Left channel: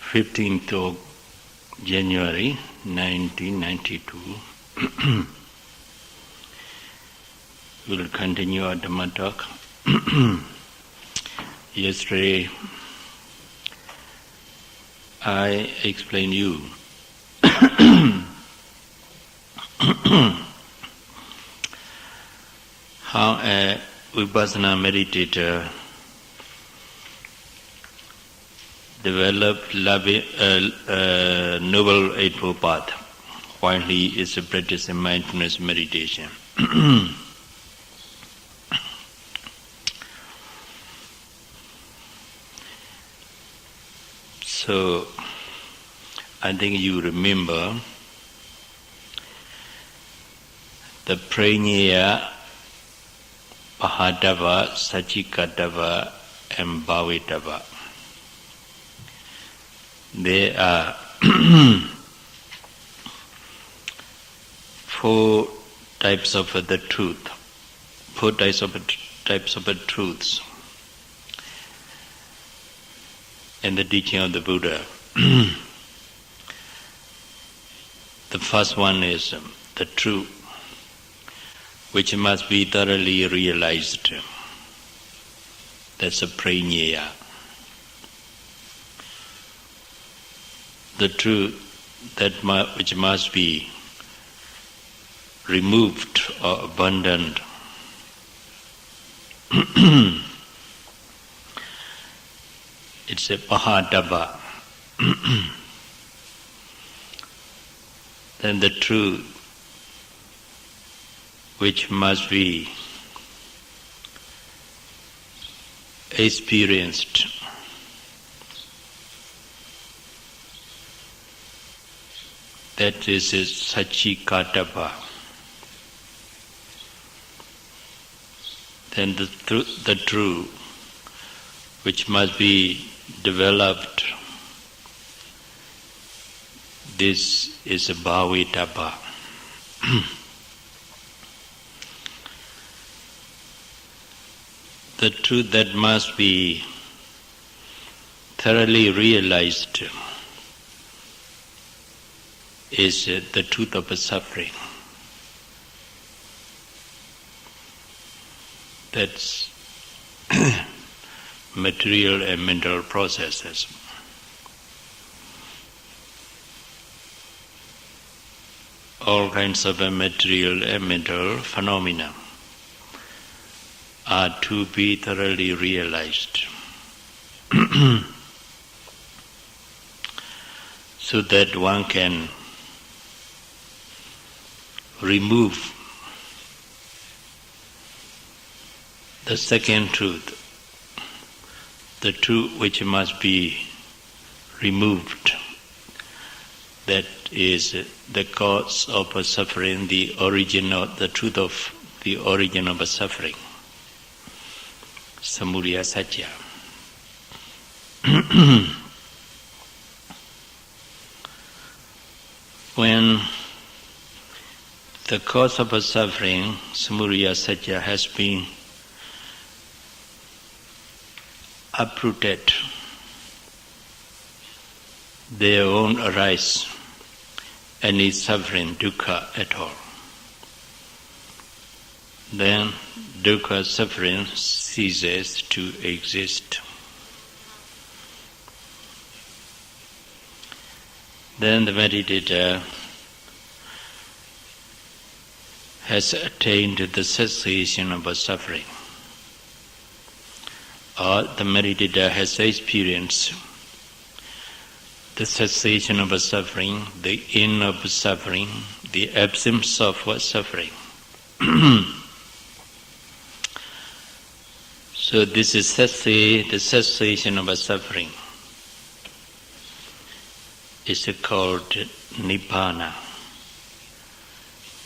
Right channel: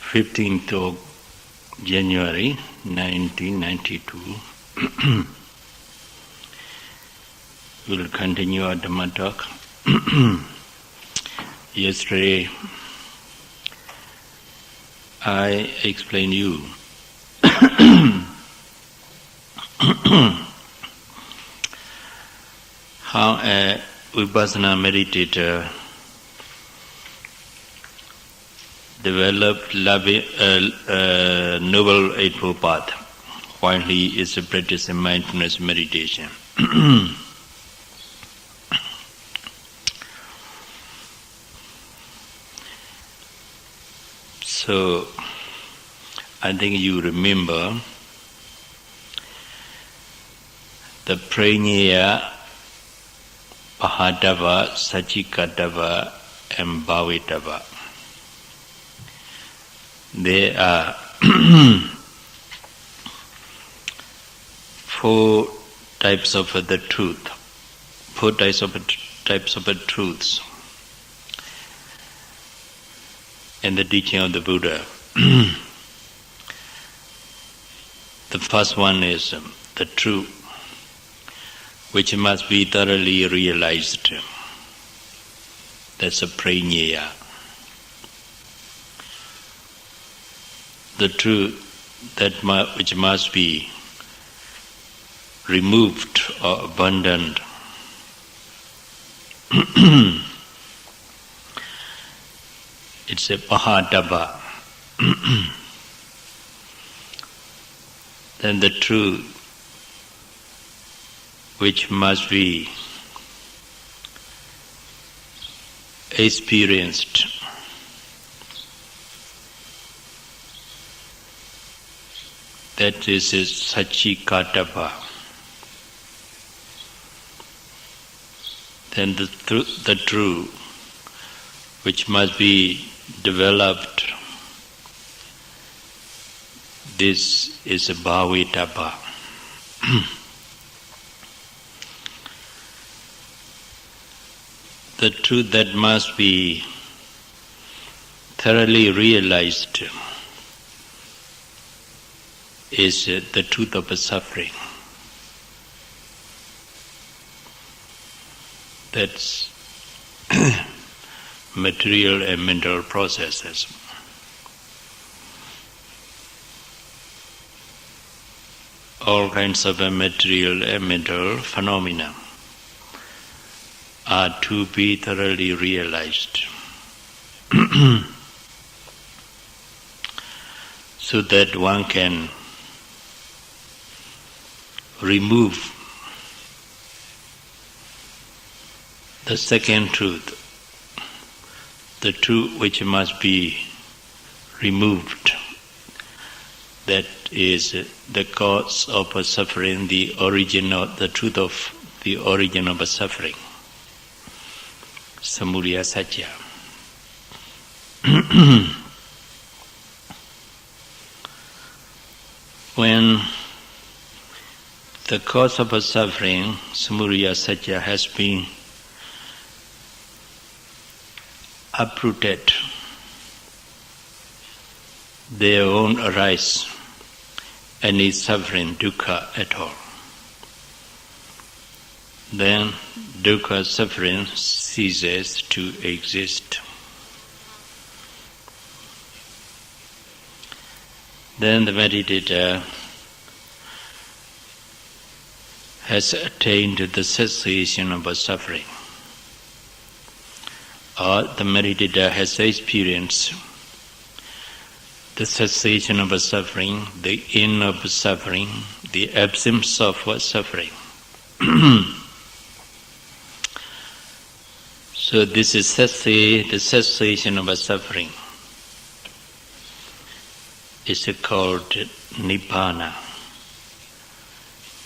15th of January 1992. We'll continue our Dhamma talk. Yesterday, I explained you how a Vipassana meditator developed Noble Eightfold Path while he is practicing mindfulness meditation. So, I think you remember the Prajna, Pahadava, Sachikatava, and Bhavitava. There are four types of the truth, four types of truths in the teaching of the Buddha. The first one is the truth, which must be thoroughly realized. That's a prajna. The truth which must be removed or abandoned. It's a pahadava. Then the truth which must be experienced. That is Sachikatava. Then the truth which must be developed. This is a Bhavitava. The truth that must be thoroughly realized is the truth of suffering. That's material and mental processes. All kinds of material and mental phenomena are to be thoroughly realized so that one can remove the second truth, the truth which must be removed, that is the cause of suffering, the truth of the origin of suffering, samudaya satya. When the cause of suffering, samudaya satya, has been uprooted, there won't arise any suffering, dukkha at all. Then dukkha, suffering, ceases to exist. Then the meditator has attained the cessation of suffering, or the meditator has experienced the cessation of suffering, the end of suffering, the absence of suffering. So this is the cessation of suffering. It's called Nibbana,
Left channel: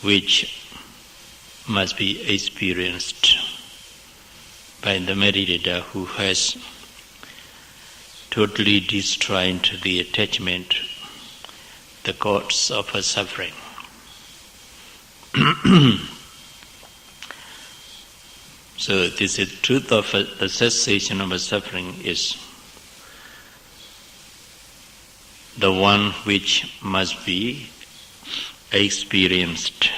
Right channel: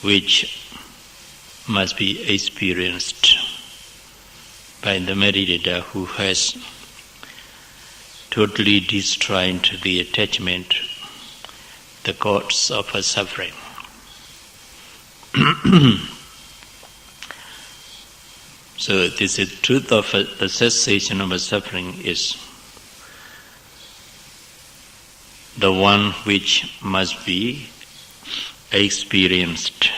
which must be experienced by the meditator who has totally destroyed the attachment, the cause of suffering. So this is truth of the cessation of suffering is the one which must be experienced.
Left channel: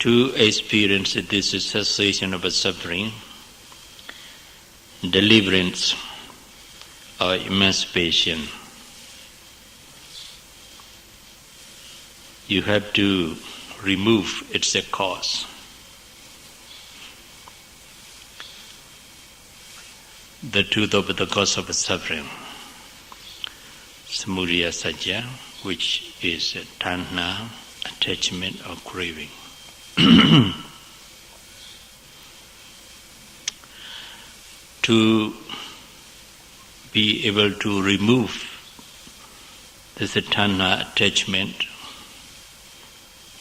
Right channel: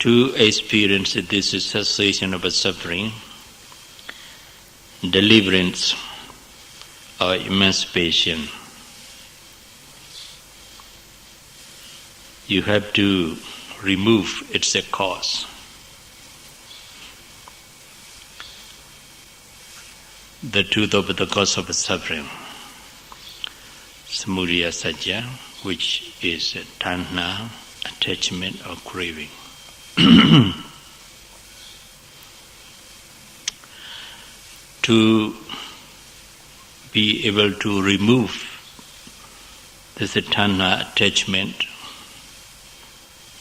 To experience this cessation of suffering, deliverance or emancipation, you have to remove its cause. The truth of the cause of suffering, samudaya satya, which is tanha, attachment or craving. To be able to remove this tanha, attachment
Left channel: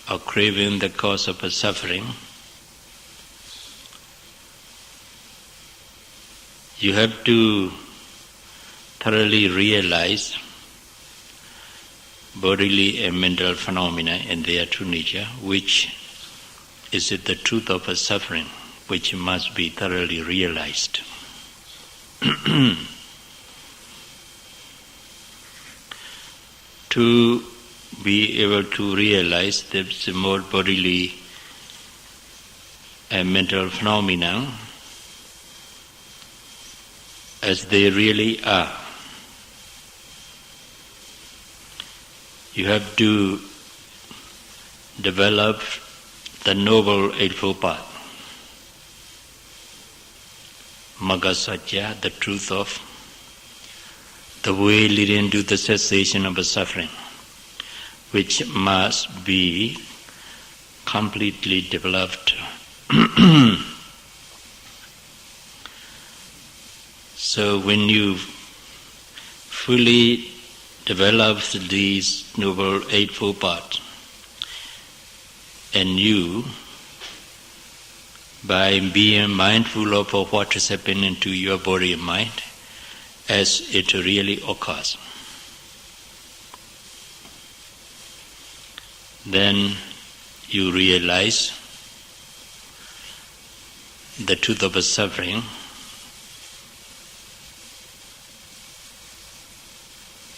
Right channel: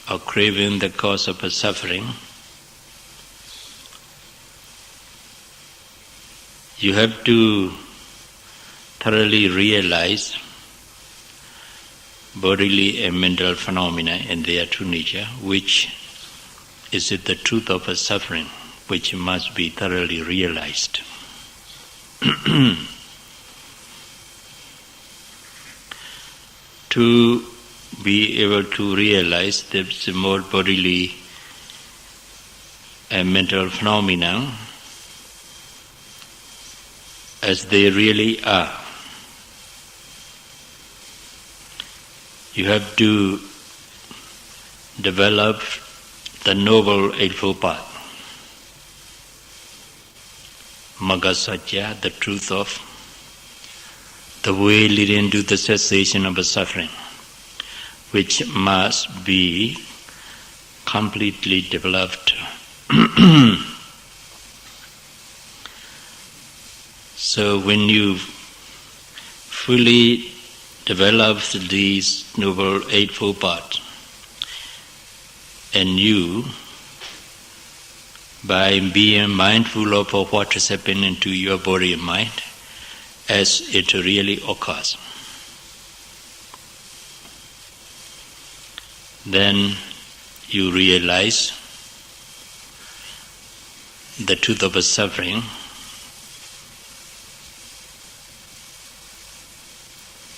or craving, the cause of suffering, you have to thoroughly realize bodily and mental phenomena and their true nature, which is the truth of suffering, which must be thoroughly realized. To be able to realize the more bodily and mental phenomena as they really are, you have to develop the Noble Eightfold Path, Magga Satya, the truth of the way leading to the cessation of suffering, which must be completely developed. So when you fully develop these Noble Eightfold Paths, and you, by being mindful of what is happening to your body and mind as it really occurs, then you realize the truth of suffering,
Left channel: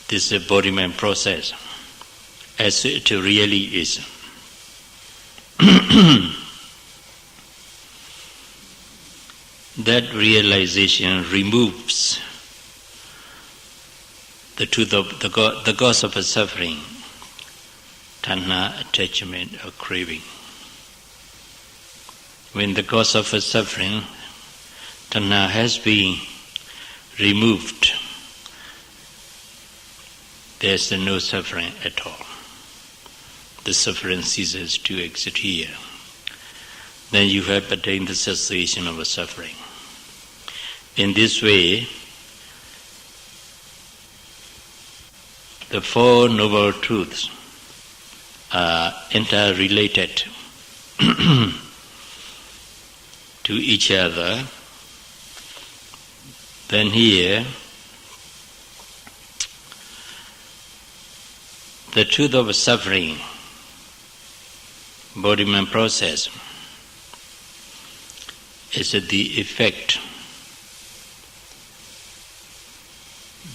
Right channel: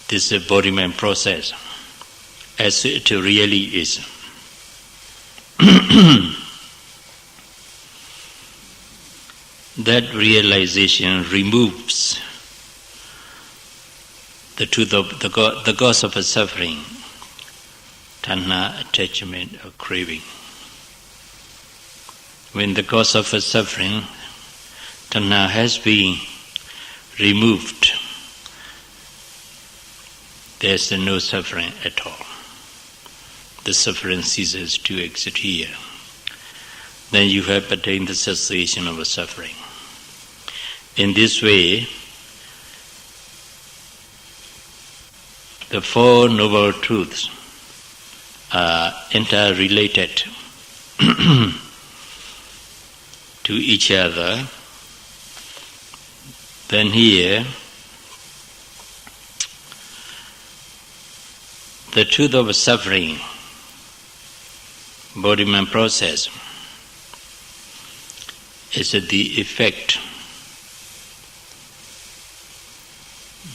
this embodiment process as it really is. That realization removes the truth of the cause of suffering, tanha, attachment or craving. When the cause of suffering, tanha, has been removed, there is no suffering at all. The suffering ceases to exist here. Then you have attained the cessation of suffering. In this way, the Four Noble Truths are interrelated to each other. Then here, the truth of suffering, embodiment process, is the effect.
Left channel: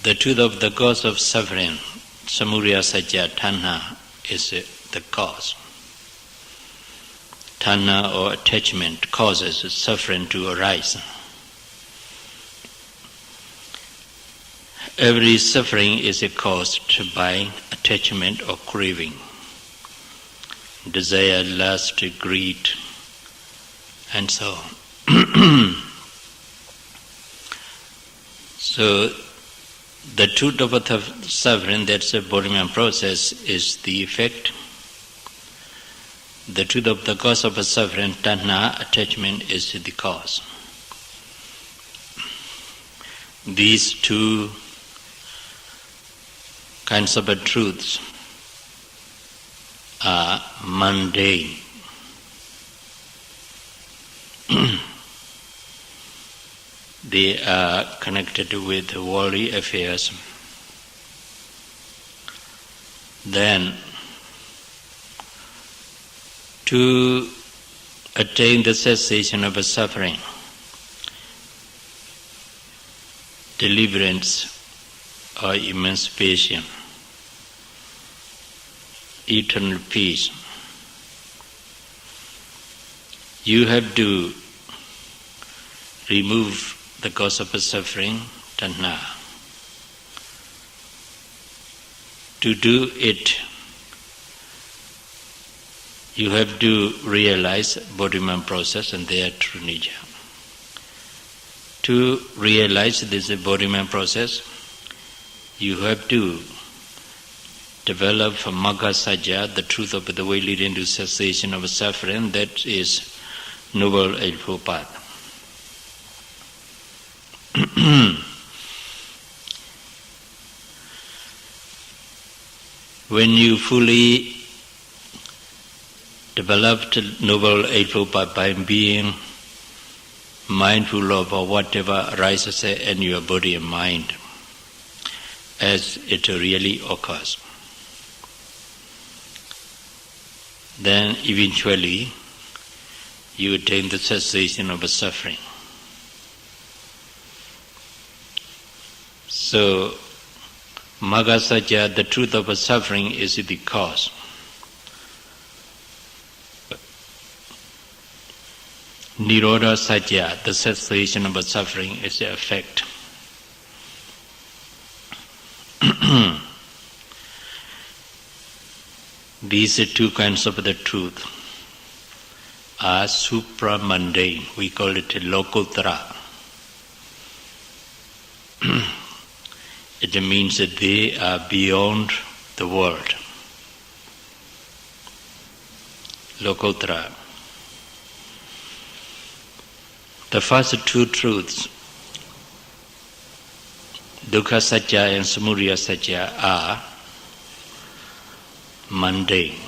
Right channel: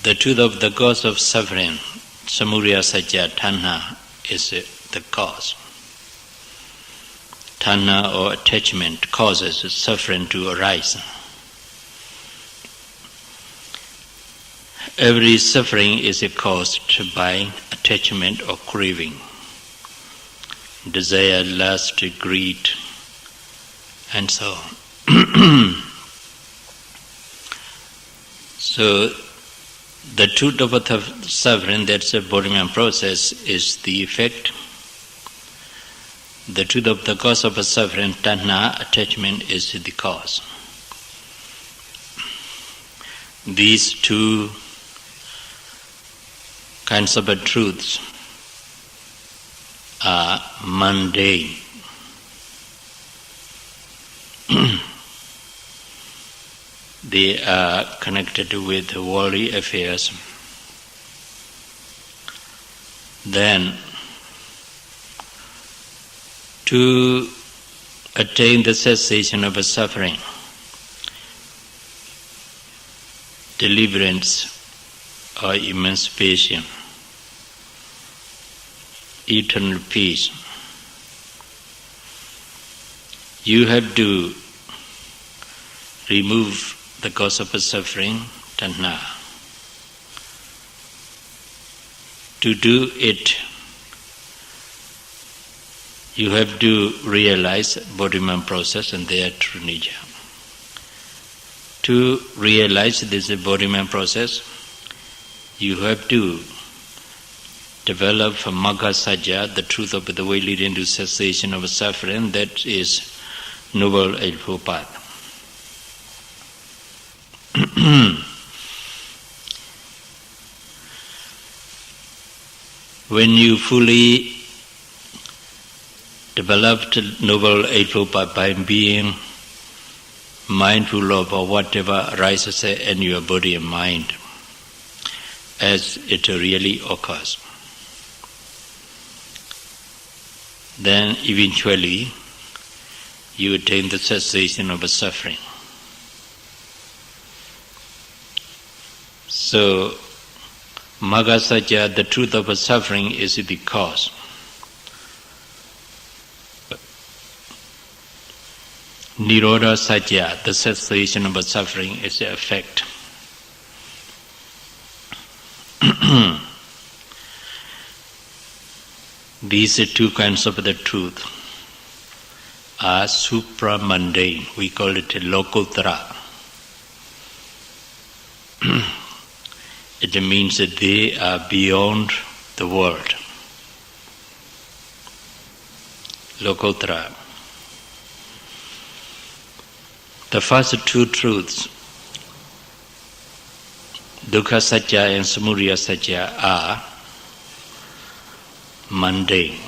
The truth of the cause of suffering, samudaya satya, tanha, is the cause. Tanha or attachment causes suffering to arise. Every suffering is caused by attachment or craving, desire, lust, greed, and so on. So, the truth of the suffering, that's the embodiment process, is the effect. The truth of the cause of suffering, tanha, attachment, is the cause. These two kinds of truths are mundane. They are connected with worldly affairs. Then, to attain the cessation of suffering, deliverance or emancipation, eternal peace, you have to remove the cause of suffering, tanha. To do it, you have to realize bodhimam process and their true nature. To realize this bodhimam process, you have to develop magga sajja, the truth of the way leading to cessation of suffering, that is Noble Eightfold Path. When you fully developed Noble Eightfold Path by being mindful of whatever arises in your body and mind as it really occurs, then eventually you attain the cessation of suffering. So, magga sajja, the truth of suffering, is the cause. Nirodha sajja, the cessation of suffering, is the effect. These two kinds of the truth are supra-mundane. We call it lokuttara. It means that they are beyond the world. Lokuttara. The first two truths, dukkha sajja and samudaya sajja, are mundane.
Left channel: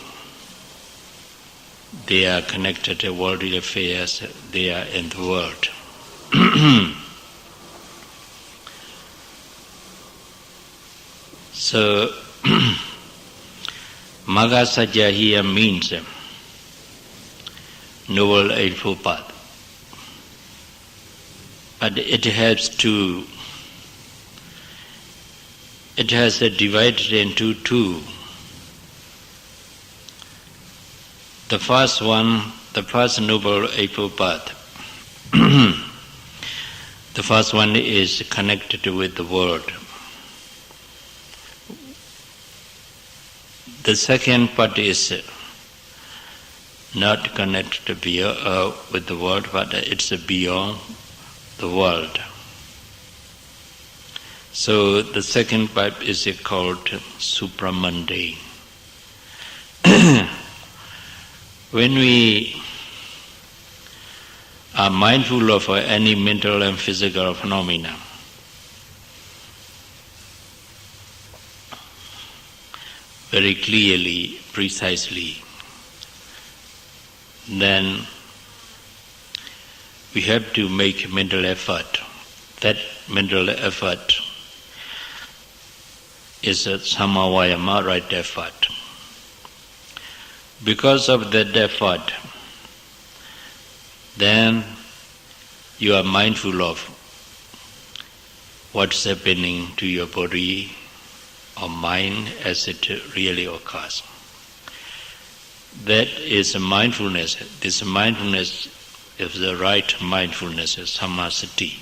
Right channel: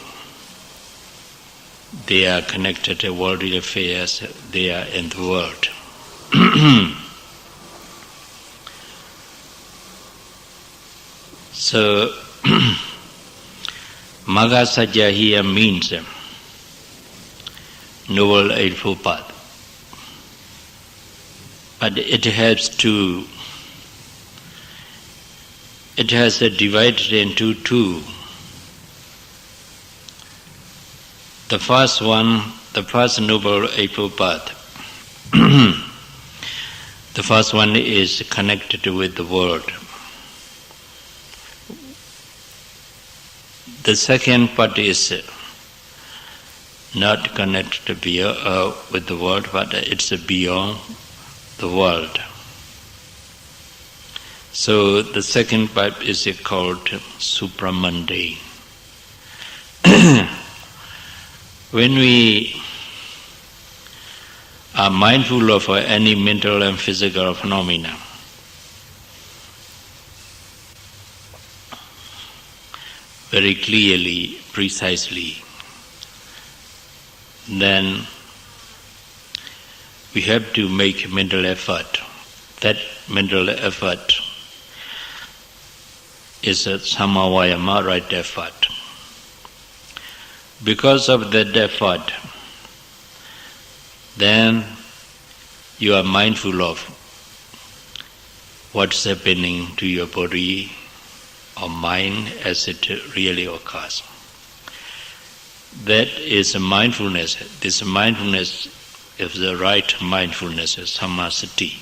They are connected to worldly affairs, they are in the world. So, magga sajja here means Noble Eightfold Path. But it has divided into two. The first one, the first Noble Eightfold Path, the first one is connected with the world. The second part is not connected with the world, but it's beyond the world. So the second part is called supramundane. When we are mindful of any mental and physical phenomena, very clearly, precisely, then we have to make mental effort. That mental effort is a samavayama, right effort. Because of that effort, then you are mindful of what's happening to your body or mind as it really occurs. That is a mindfulness. This mindfulness is the right mindfulness, samasati.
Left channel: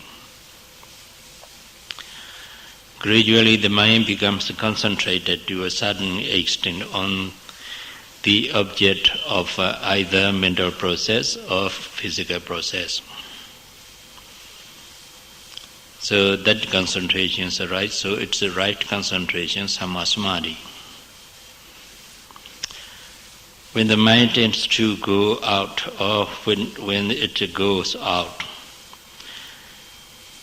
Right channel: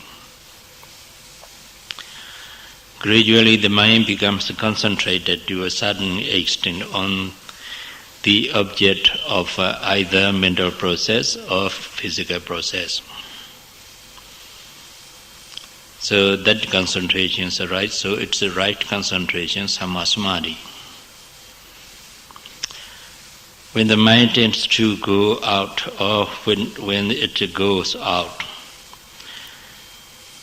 Gradually the mind becomes concentrated to a certain extent on the object of either mental process or physical process. So that concentration is right, so it's the right concentration, samasmadi. When the mind tends to go out, or when it goes out,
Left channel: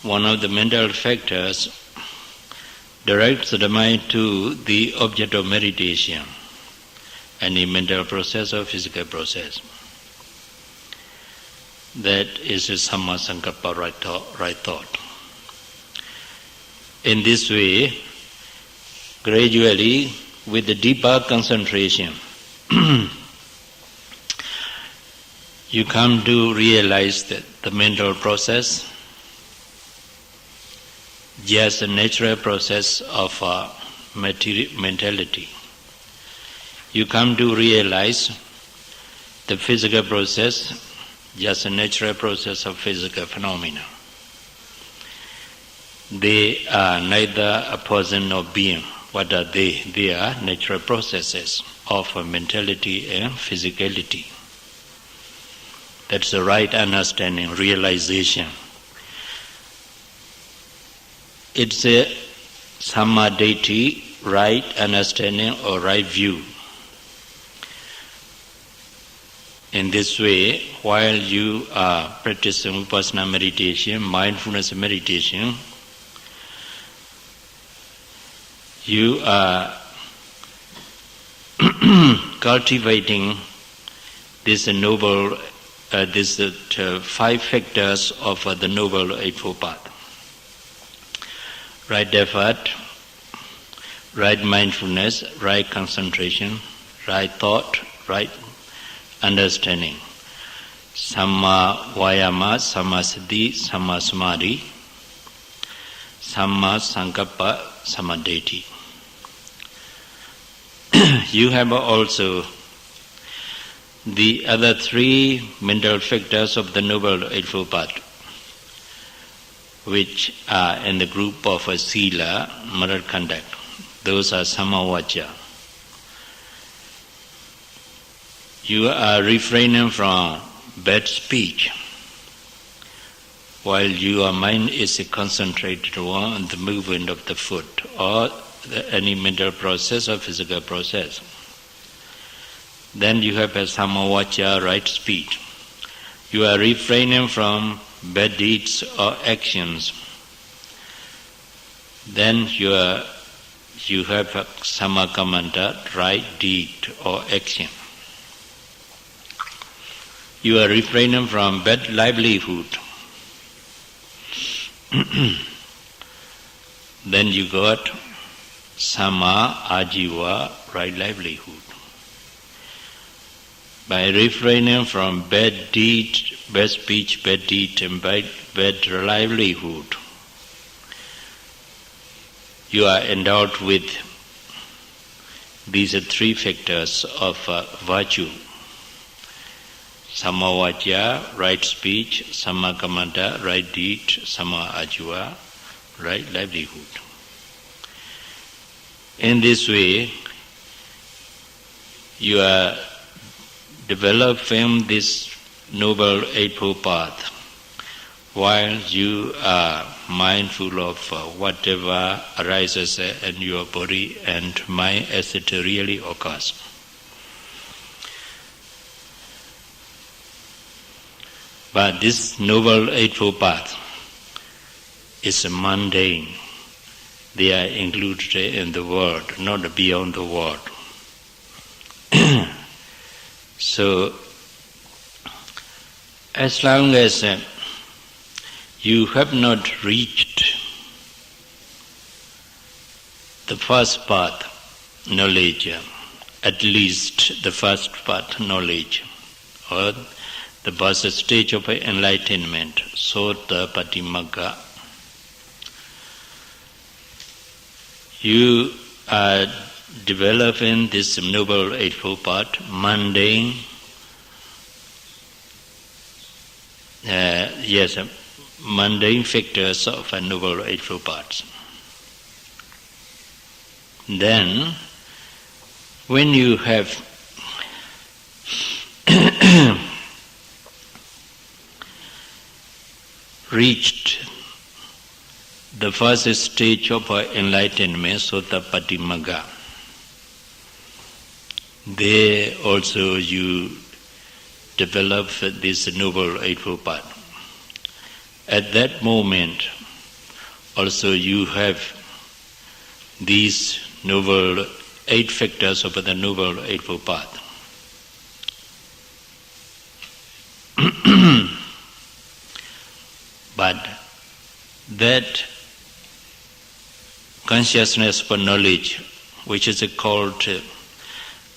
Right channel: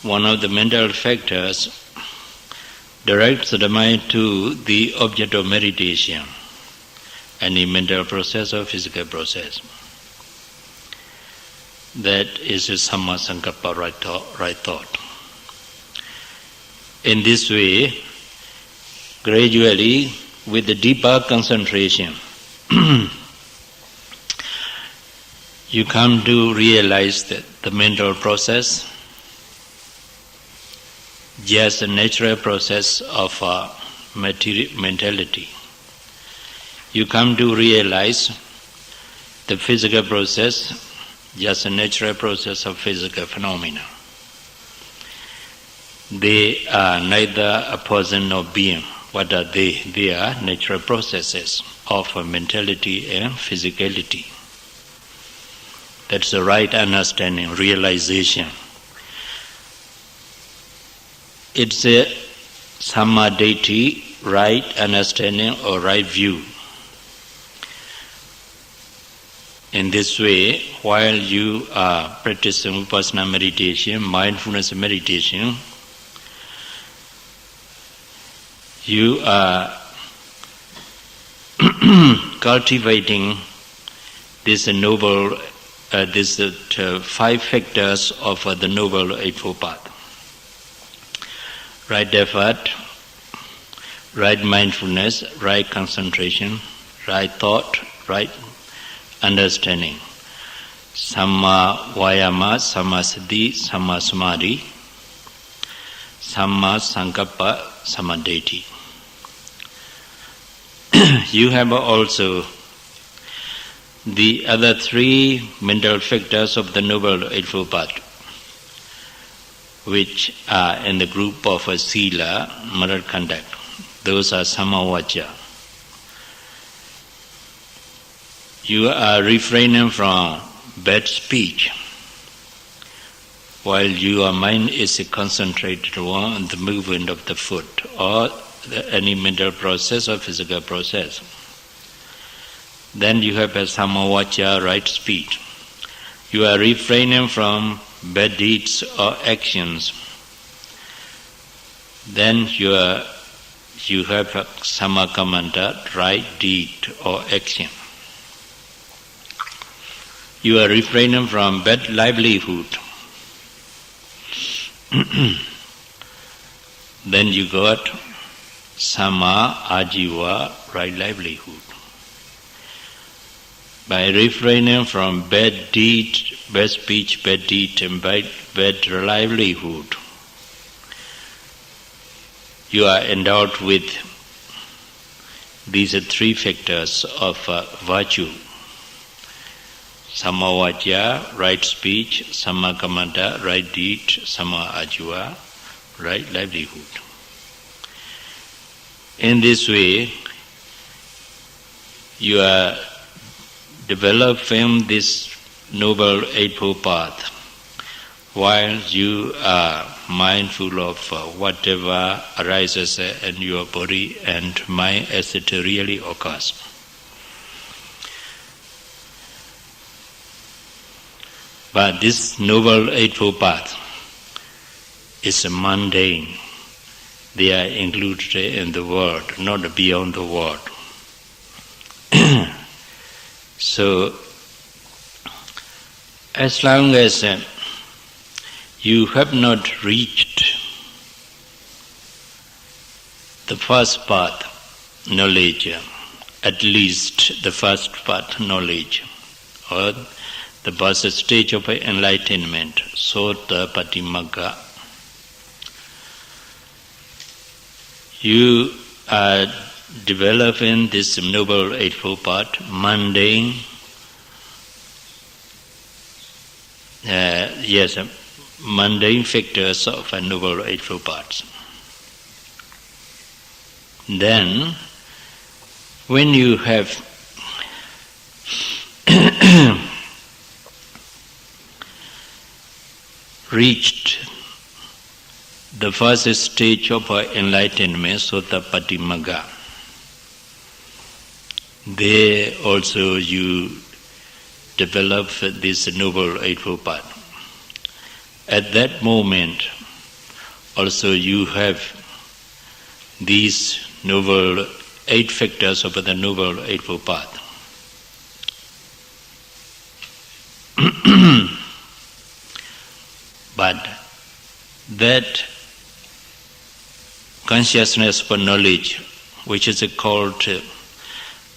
one of the mental factors directs the mind to the object of meditation, any mental process or physical process. That is a sammasankappa, right thought. In this way, gradually, with the deeper concentration, you come to realize that the mental process, just a natural process of mentality. You come to realize the physical process, just a natural process of physical phenomena. They are neither a person nor being. What are they? They are natural processes of mentality and physicality. That's the right understanding, realization. It's a samadhi, right understanding or right view. In this way, while you are practicing vipassana meditation, mindfulness meditation, you are cultivating this noble, these 5 factors of the Noble Eightfold Path. Right effort, right mindfulness, right concentration, right thought, right understanding. Samma vayama, samma siddhi, samma samadhi, samma sankappa, samma ditti. You have also the other 3 mental factors of the Noble Eightfold Path, which are in the group of sila, moral conduct. Those are samavacha. You are refraining from bad speech while your mind is concentrated on the movement of the foot or any mental process or physical process. Then you have a samavacha, right speech. You are refraining from bad deeds or actions. Then you have a samakammanta, right deed or action. You are refraining from bad livelihood. Then you got sama ajiva, right livelihood. By refraining from bad deed, bad speech, bad deed, and bad livelihood, you are endowed with these 3 factors of virtue. Samavacha, right speech, samakammanta, right deed, sama ajiva, right livelihood. In this way, you are developing this Noble Eightfold Path while you are mindful of whatever arises in your body and mind as it really occurs. But this Noble Eightfold Path is mundane. They are included in the world, not beyond the world. So, as long as you have not reached the first path knowledge, at least the first path knowledge, or the first stage of enlightenment, Sotapatti Magga, you are developing this Noble Eightfold Path, mundane, mundane factors of a Noble Eightfold Path. Then, when you have reached the first stage of enlightenment, Sotapatti Magga, there also you develop this Noble Eightfold Path. At that moment, also you have these 8 factors of the Noble Eightfold Path. But that consciousness for knowledge, which is called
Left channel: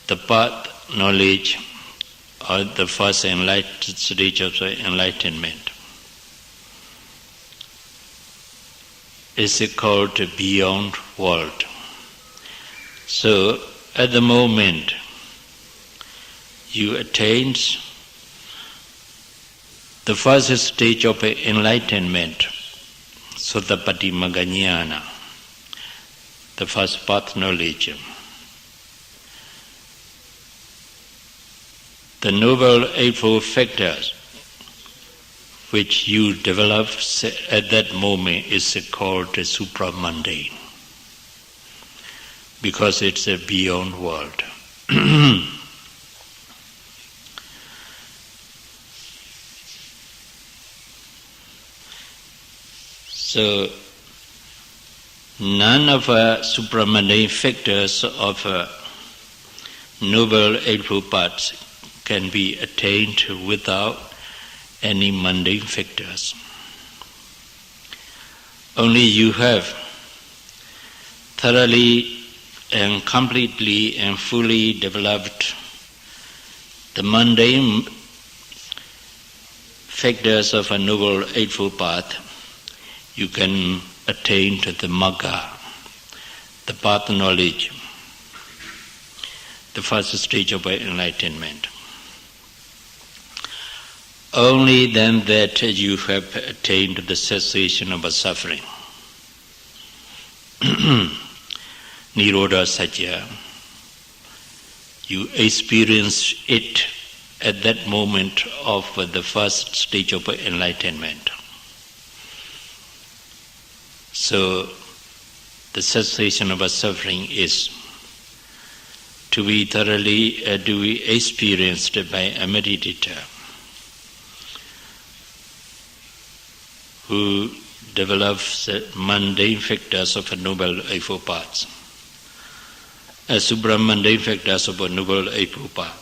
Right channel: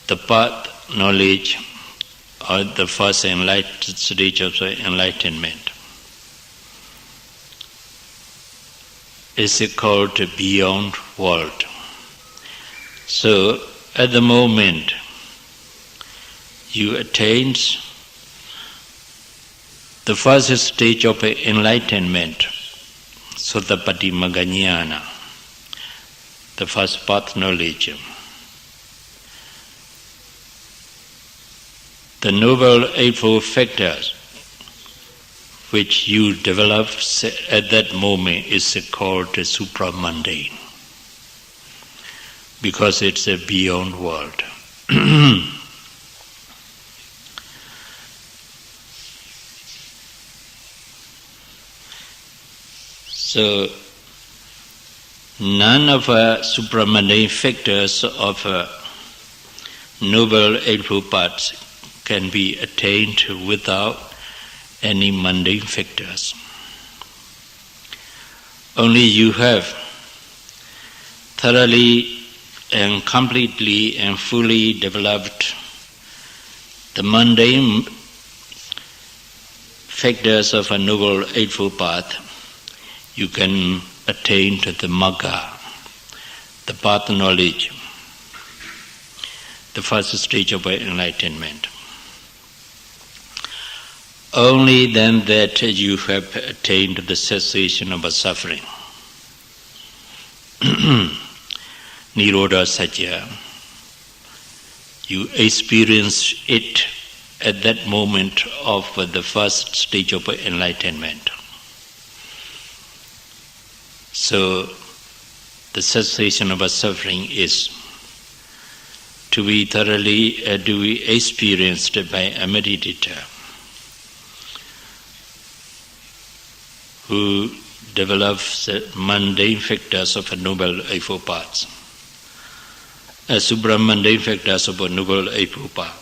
the path knowledge, or the first stage of enlightenment, is called beyond world. So at the moment you attain the first stage of enlightenment, Sotapatti Maganyana, the first path knowledge. The Noble Eightfold Factors which you develop at that moment is called supramundane, because it's a beyond world. So none of supramundane factors of Noble Eightfold Paths can be attained without any mundane factors. Only you have thoroughly and completely and fully developed the mundane factors of a Noble Eightfold Path, you can attain to the Magga, the path knowledge, the first stage of enlightenment. Only then that you have attained the cessation of suffering. Nirodha Satya, you experience it at that moment of the first stage of enlightenment. So the cessation of suffering is to be thoroughly experienced by a meditator who develops mundane factors of a Noble Eightfold Paths, supramundane factors of a Noble Eightfold Path.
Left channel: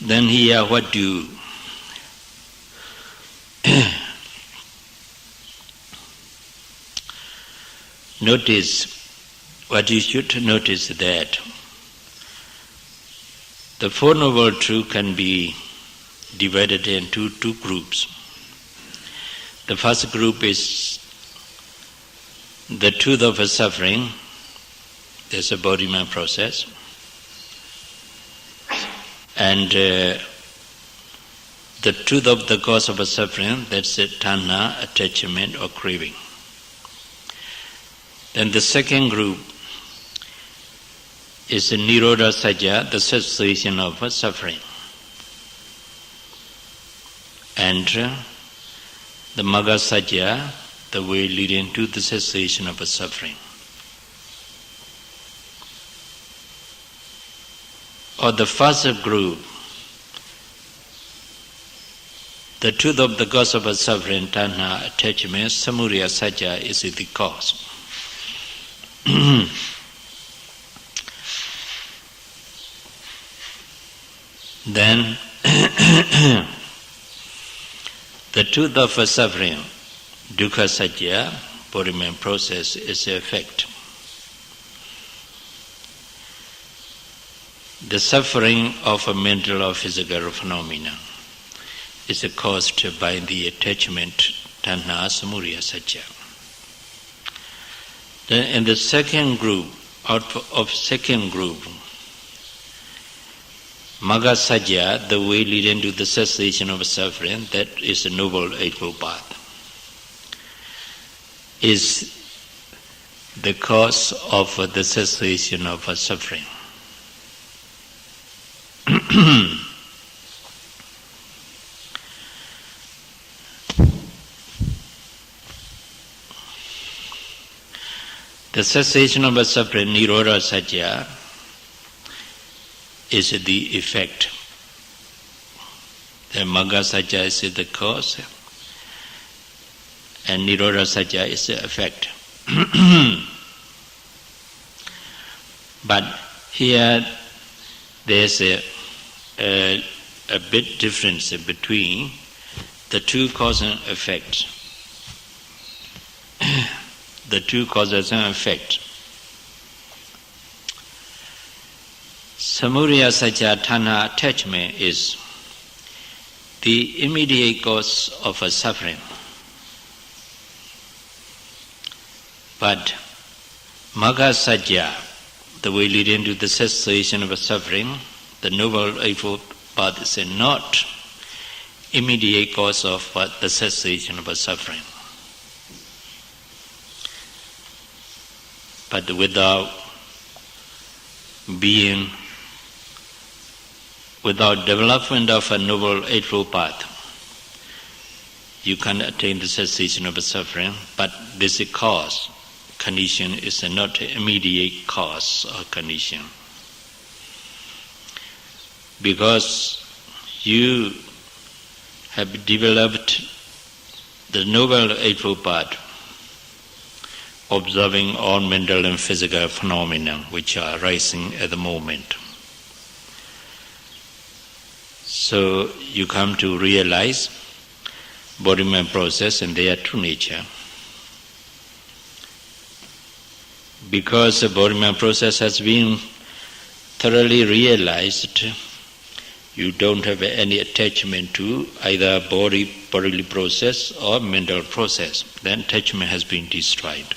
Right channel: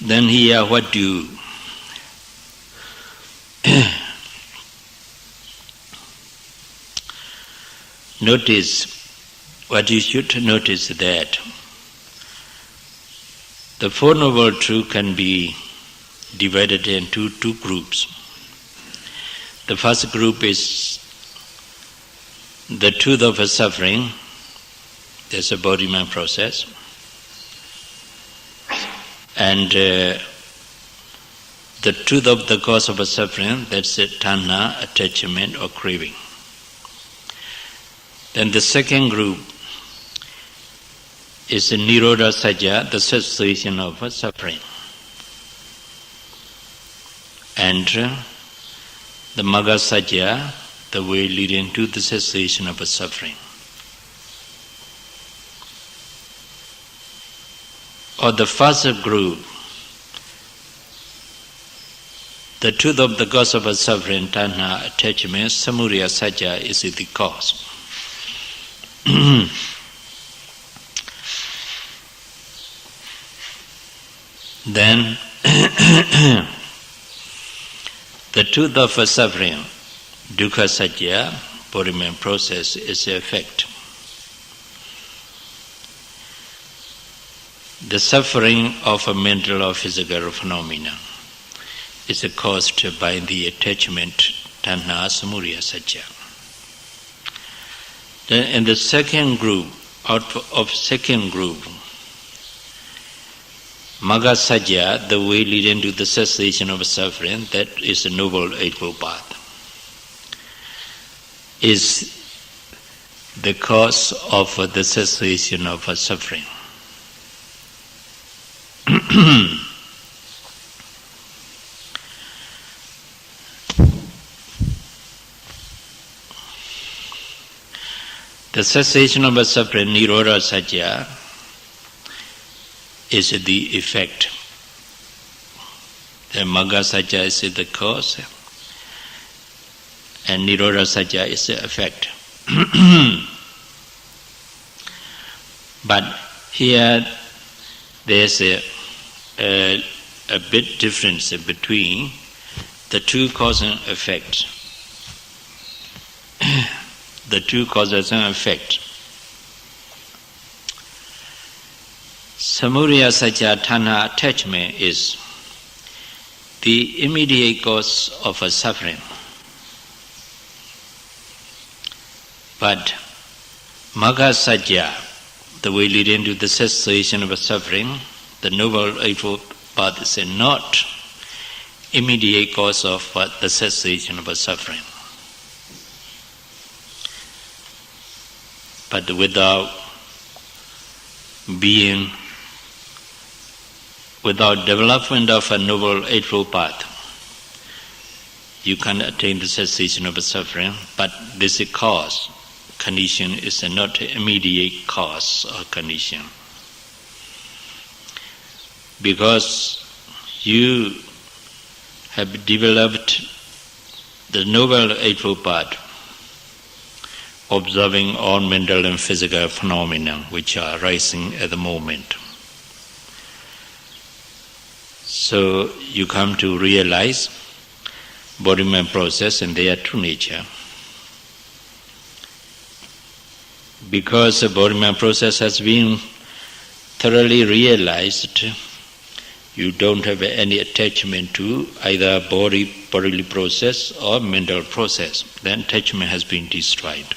Then here what do notice, what you should notice that the Four Noble Truths can be divided into two groups. The first group is the truth of suffering, there's a body-mind process, and the truth of the cause of suffering, that's the tanha, attachment or craving. Then the second group is the Nirodha Satya, the cessation of suffering. And the Magga Satya, the way leading to the cessation of suffering. Or the first group, the truth of the cause of suffering, tanha, attachment, samudaya Satya is the cause. Then the truth of suffering, dukkha Satya, body-mind process, is the effect. The suffering of a mental or physical phenomena is caused by the attachment, tanha, samudaya Satya. Then in the second group, out of second group, Magga Satya, the way leading to the cessation of suffering, that is the Noble Eightfold Path, is the cause of the cessation of suffering. The cessation of suffering, Nirodha Satya, is the effect. The Magga Satya is the cause, and Nirodha Satya is the effect. But here there's a bit difference between the two cause and effect. The two causes and effect. Samudaya Satya, tanha, attachment, is the immediate cause of a suffering. But Magga Satya, the way leading to the cessation of a suffering, the Noble Eightfold Path is not immediate cause of the cessation of a suffering. But without development of a Noble Eightfold Path, you can attain the cessation of a suffering, but this is cause. Condition is not immediate cause or condition. Because you have developed the Noble Eightfold Path, observing all mental and physical phenomena which are arising at the moment. So you come to realize body-mind process and their true nature. Because the body-mind process has been thoroughly realized, you don't have any attachment to either bodily process or mental process. Then attachment has been destroyed.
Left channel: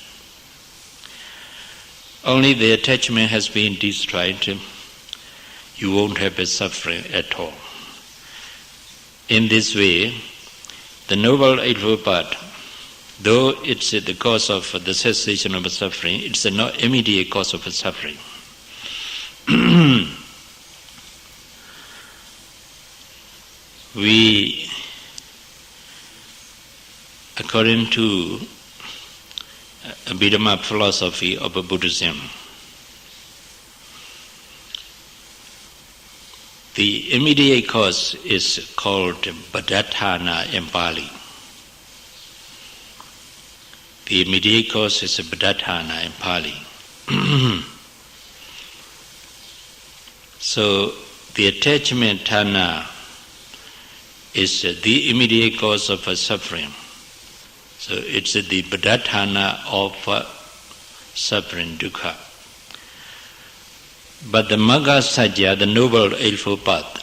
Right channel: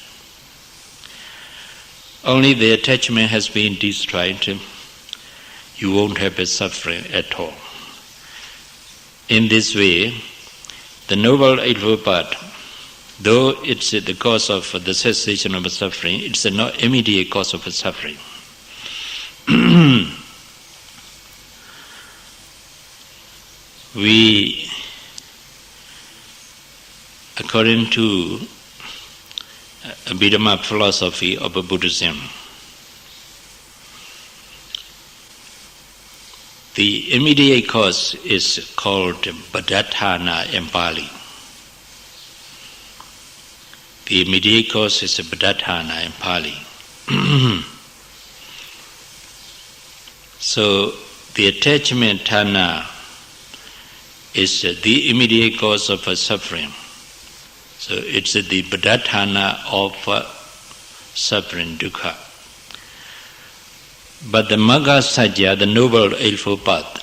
Only the attachment has been destroyed, you won't have a suffering at all. In this way, the Noble Eightfold Path, though it's the cause of the cessation of a suffering, it's not immediate cause of a suffering. We, according to Abhidhamma philosophy of Buddhism, the immediate cause is called Badatthana in Pali. The immediate cause is Badatthana in Pali. So the attachment thana is the immediate cause of a suffering. So it's the Badatthana of suffering, dukkha. But the Magga Satya, the Noble Eightfold Path,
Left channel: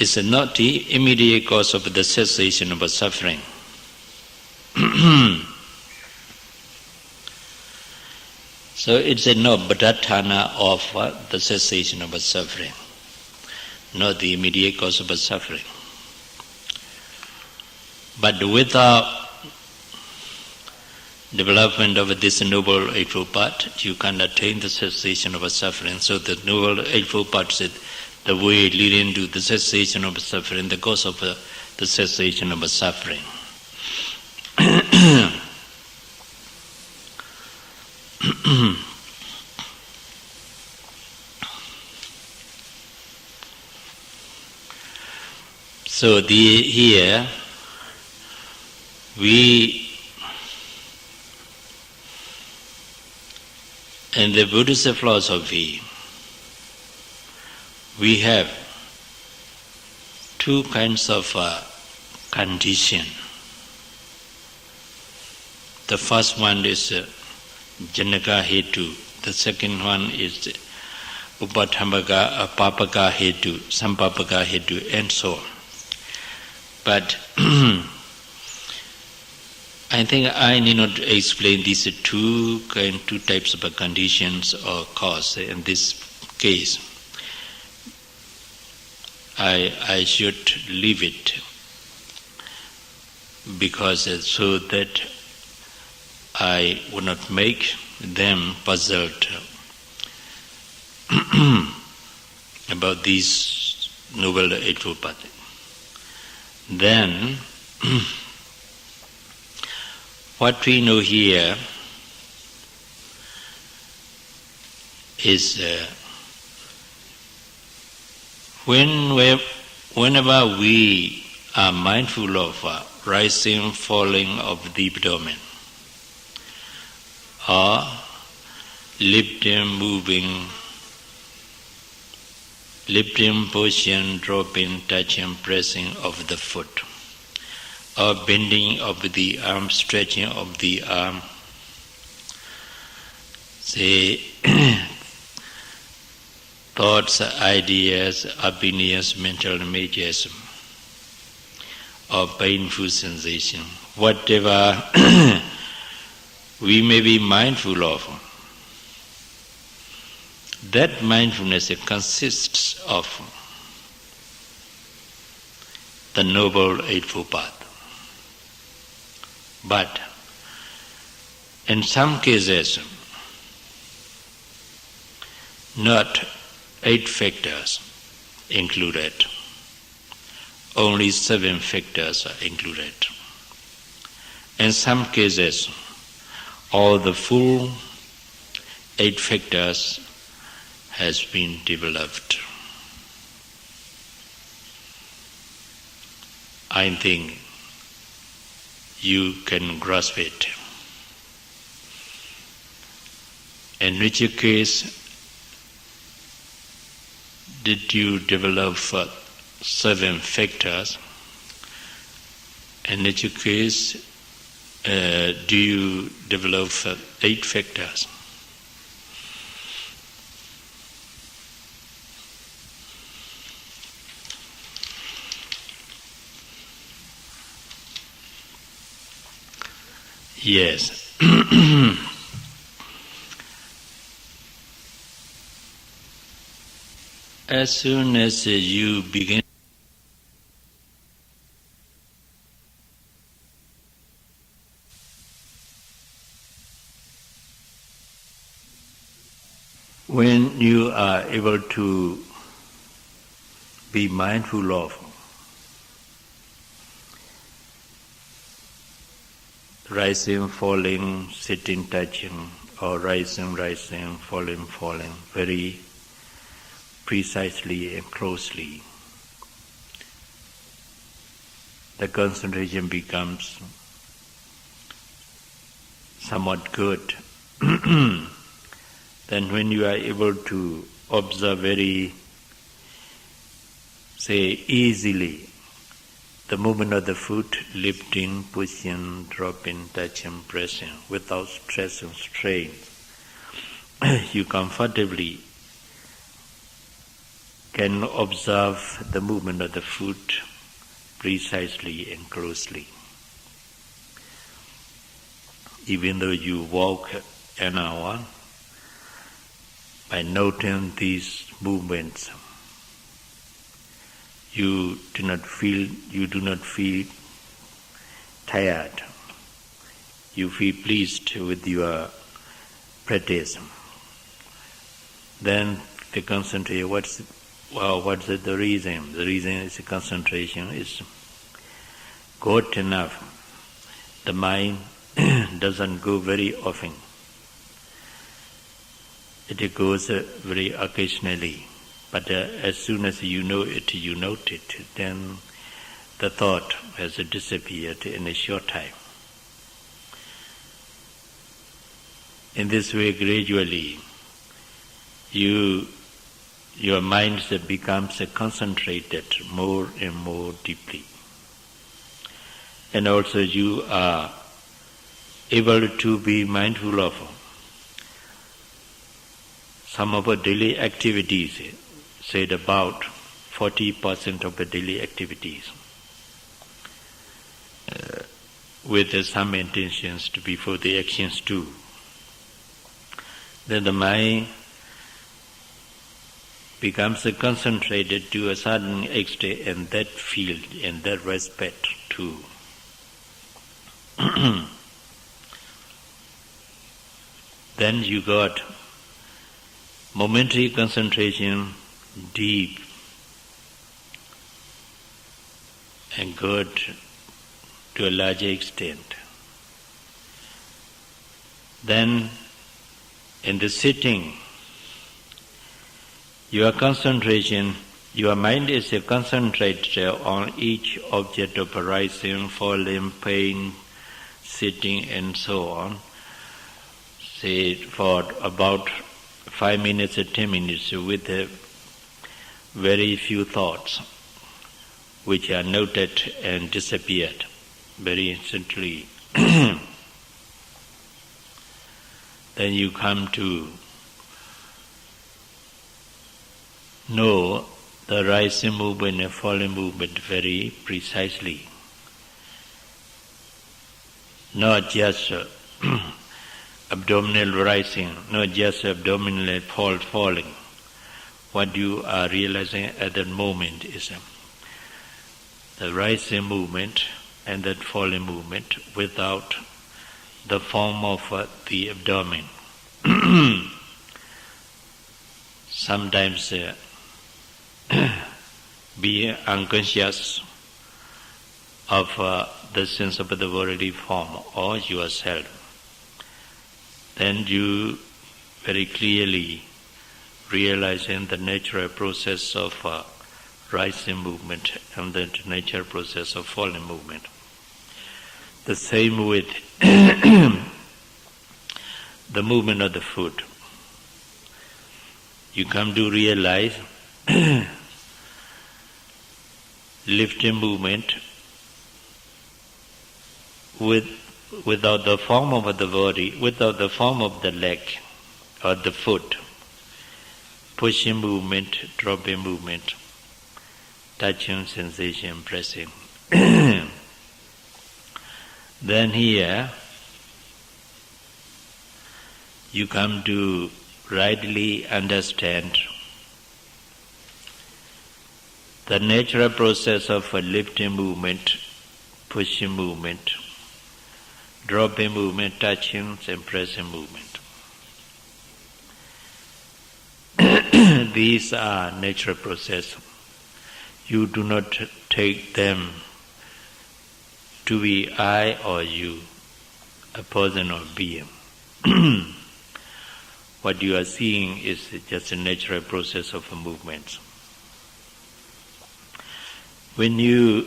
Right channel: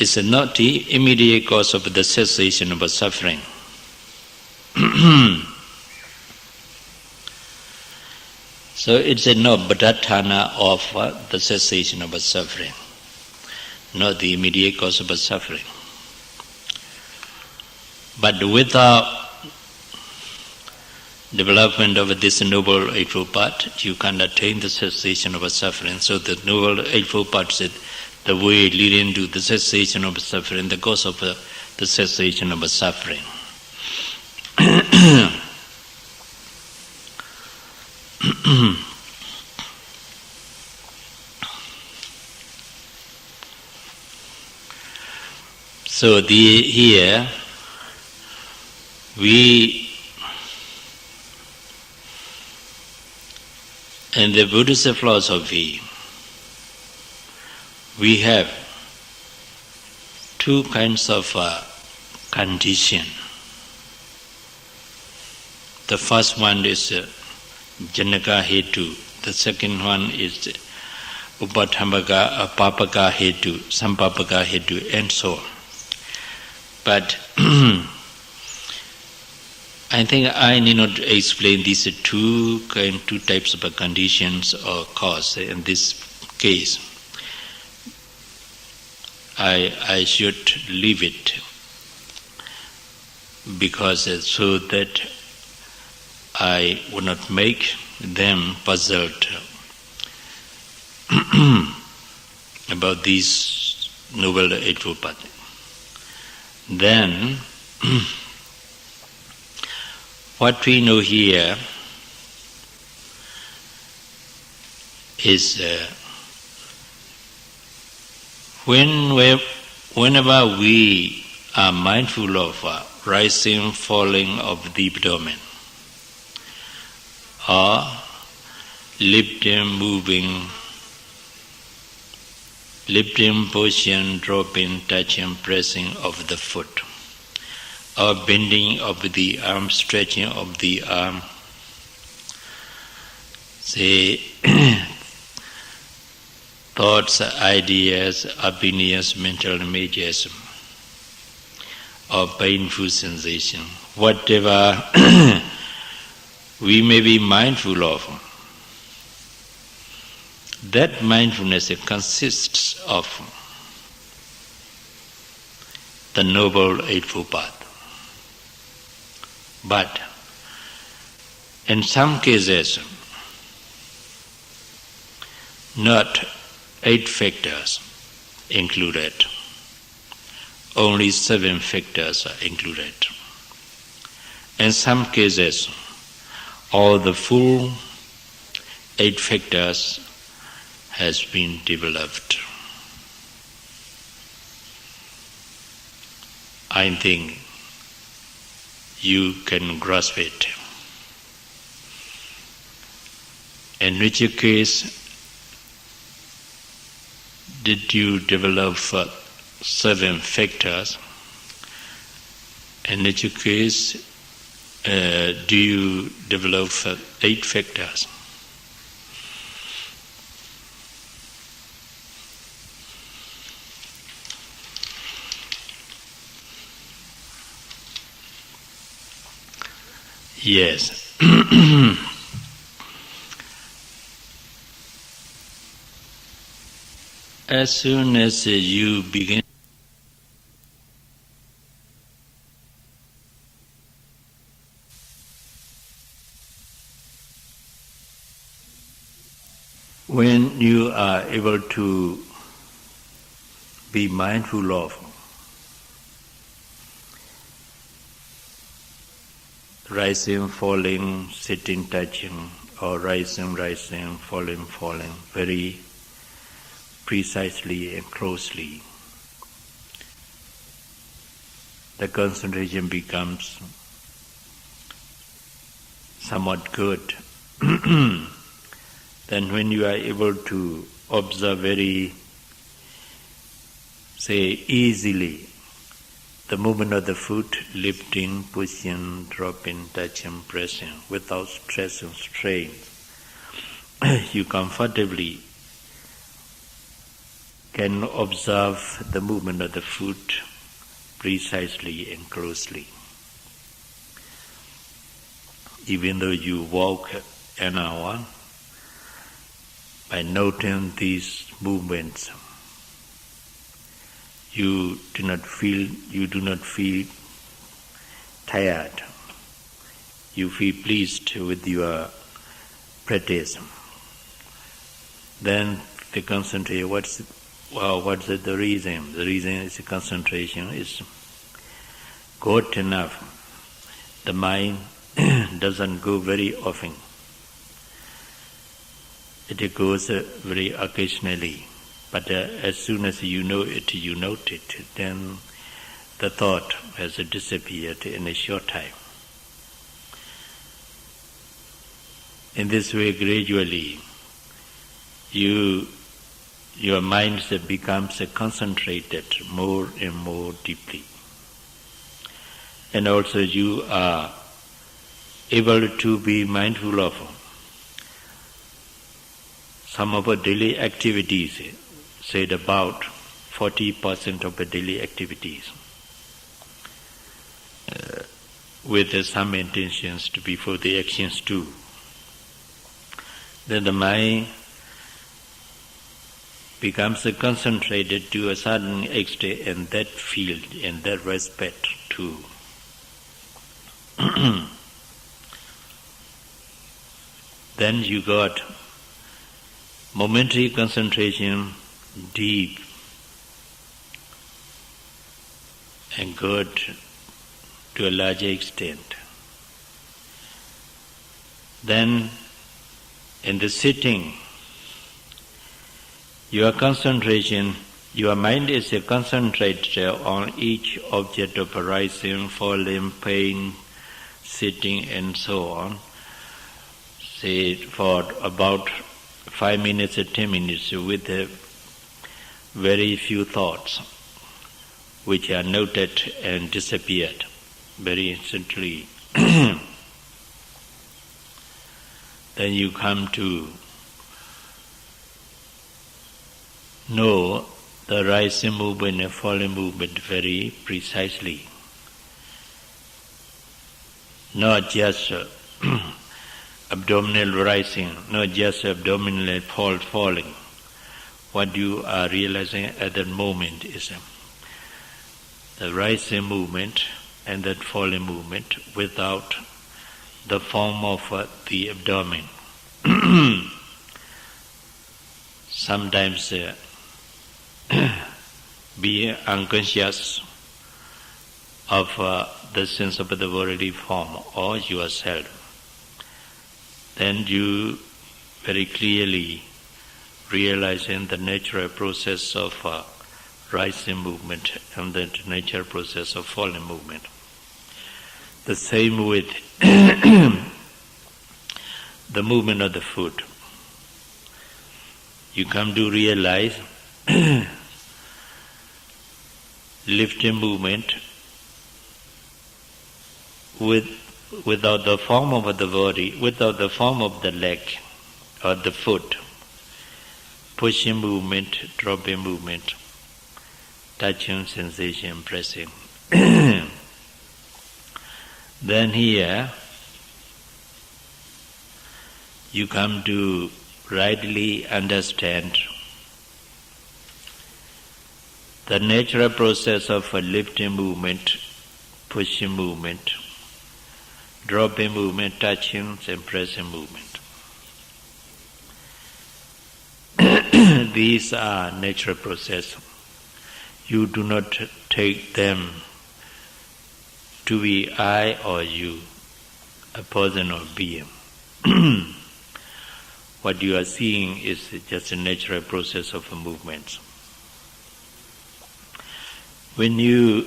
is not the immediate cause of the cessation of a suffering. So it's not Badatthana of the cessation of a suffering, not the immediate cause of a suffering. But without development of this Noble Eightfold Path, you can attain the cessation of a suffering. So the Noble Eightfold Path is the way leading to the cessation of suffering, the cause of the cessation of a suffering. So here we, in the Buddhist philosophy, we have two kinds of condition. The first one is Janaka Hetu. The second one is Upathambaka, Papaka Hetu, Sampapaka Hetu, and so on. But I think I need not explain these two types of conditions or cause. In this case, I should leave it, because so that I would not make them puzzled about these Noble Eightfold Path. Then, what we know here is whenever we are mindful of rising, falling of the abdomen, or lifting, moving, lifting, pushing, dropping, touching, pressing of the foot, or bending of the arm, stretching of the arm, say thoughts, ideas, opinions, mental images, or painful sensation, whatever we may be mindful of, that mindfulness consists of the Noble Eightfold Path. But in some cases, not 8 factors included, only 7 factors are included. In some cases, all the full 8 factors has been developed. I think you can grasp it. In which case did you develop 7 factors? In which case do you develop 8 factors? Yes. As soon as you begin when you are able to be mindful of rising, falling, sitting, touching, or rising, falling, very precisely and closely, the concentration becomes somewhat good. Then when you are able to observe very, say, easily the movement of the foot, lifting, pushing, dropping, touching, pressing, without stress and strain, you comfortably can observe the movement of the foot precisely and closely. Even though you walk an hour, by noting these movements, you do not feel tired. You feel pleased with your practice. Then the concentration, what's the reason? The reason is the concentration is good enough. The mind doesn't go very often. It goes very occasionally. But as soon as you know it, you note it, then the thought has disappeared in a short time. In this way, gradually, your mind becomes concentrated more and more deeply. And also you are able to be mindful of some of our daily activities, said about 40% of the daily activities, with some intentions before the actions too. Then the mind becomes concentrated to a certain extent in that field, in that respect too. Then you got momentary concentration, deep and good to a larger extent. Then in the sitting, your concentration, your mind is concentrated on each object of arising, falling, pain, sitting and so on, say for about 5 minutes or 10 minutes with very few thoughts which are noted and disappeared very instantly. Then you come to know the rising movement and falling movement very precisely. not just abdominal rising, not just abdominal falling. What you are realizing at that moment is the rising movement and that falling movement without the form of the abdomen. Sometimes being unconscious of the sense of the bodily form or yourself, then you very clearly realizing the natural process of rising movement and the natural process of falling movement. The same with the movement of the foot. You come to realize lifting movement without the form of the body, without the form of the leg or the foot, pushing movement, dropping movement, touching sensation, pressing. Then here you come to rightly understand the natural process of a lifting movement, pushing movement, dropping movement, touching and pressing movement. These are natural processes. You do not take them to be I or you, a person or being. What you are seeing is just a natural process of a movement. When you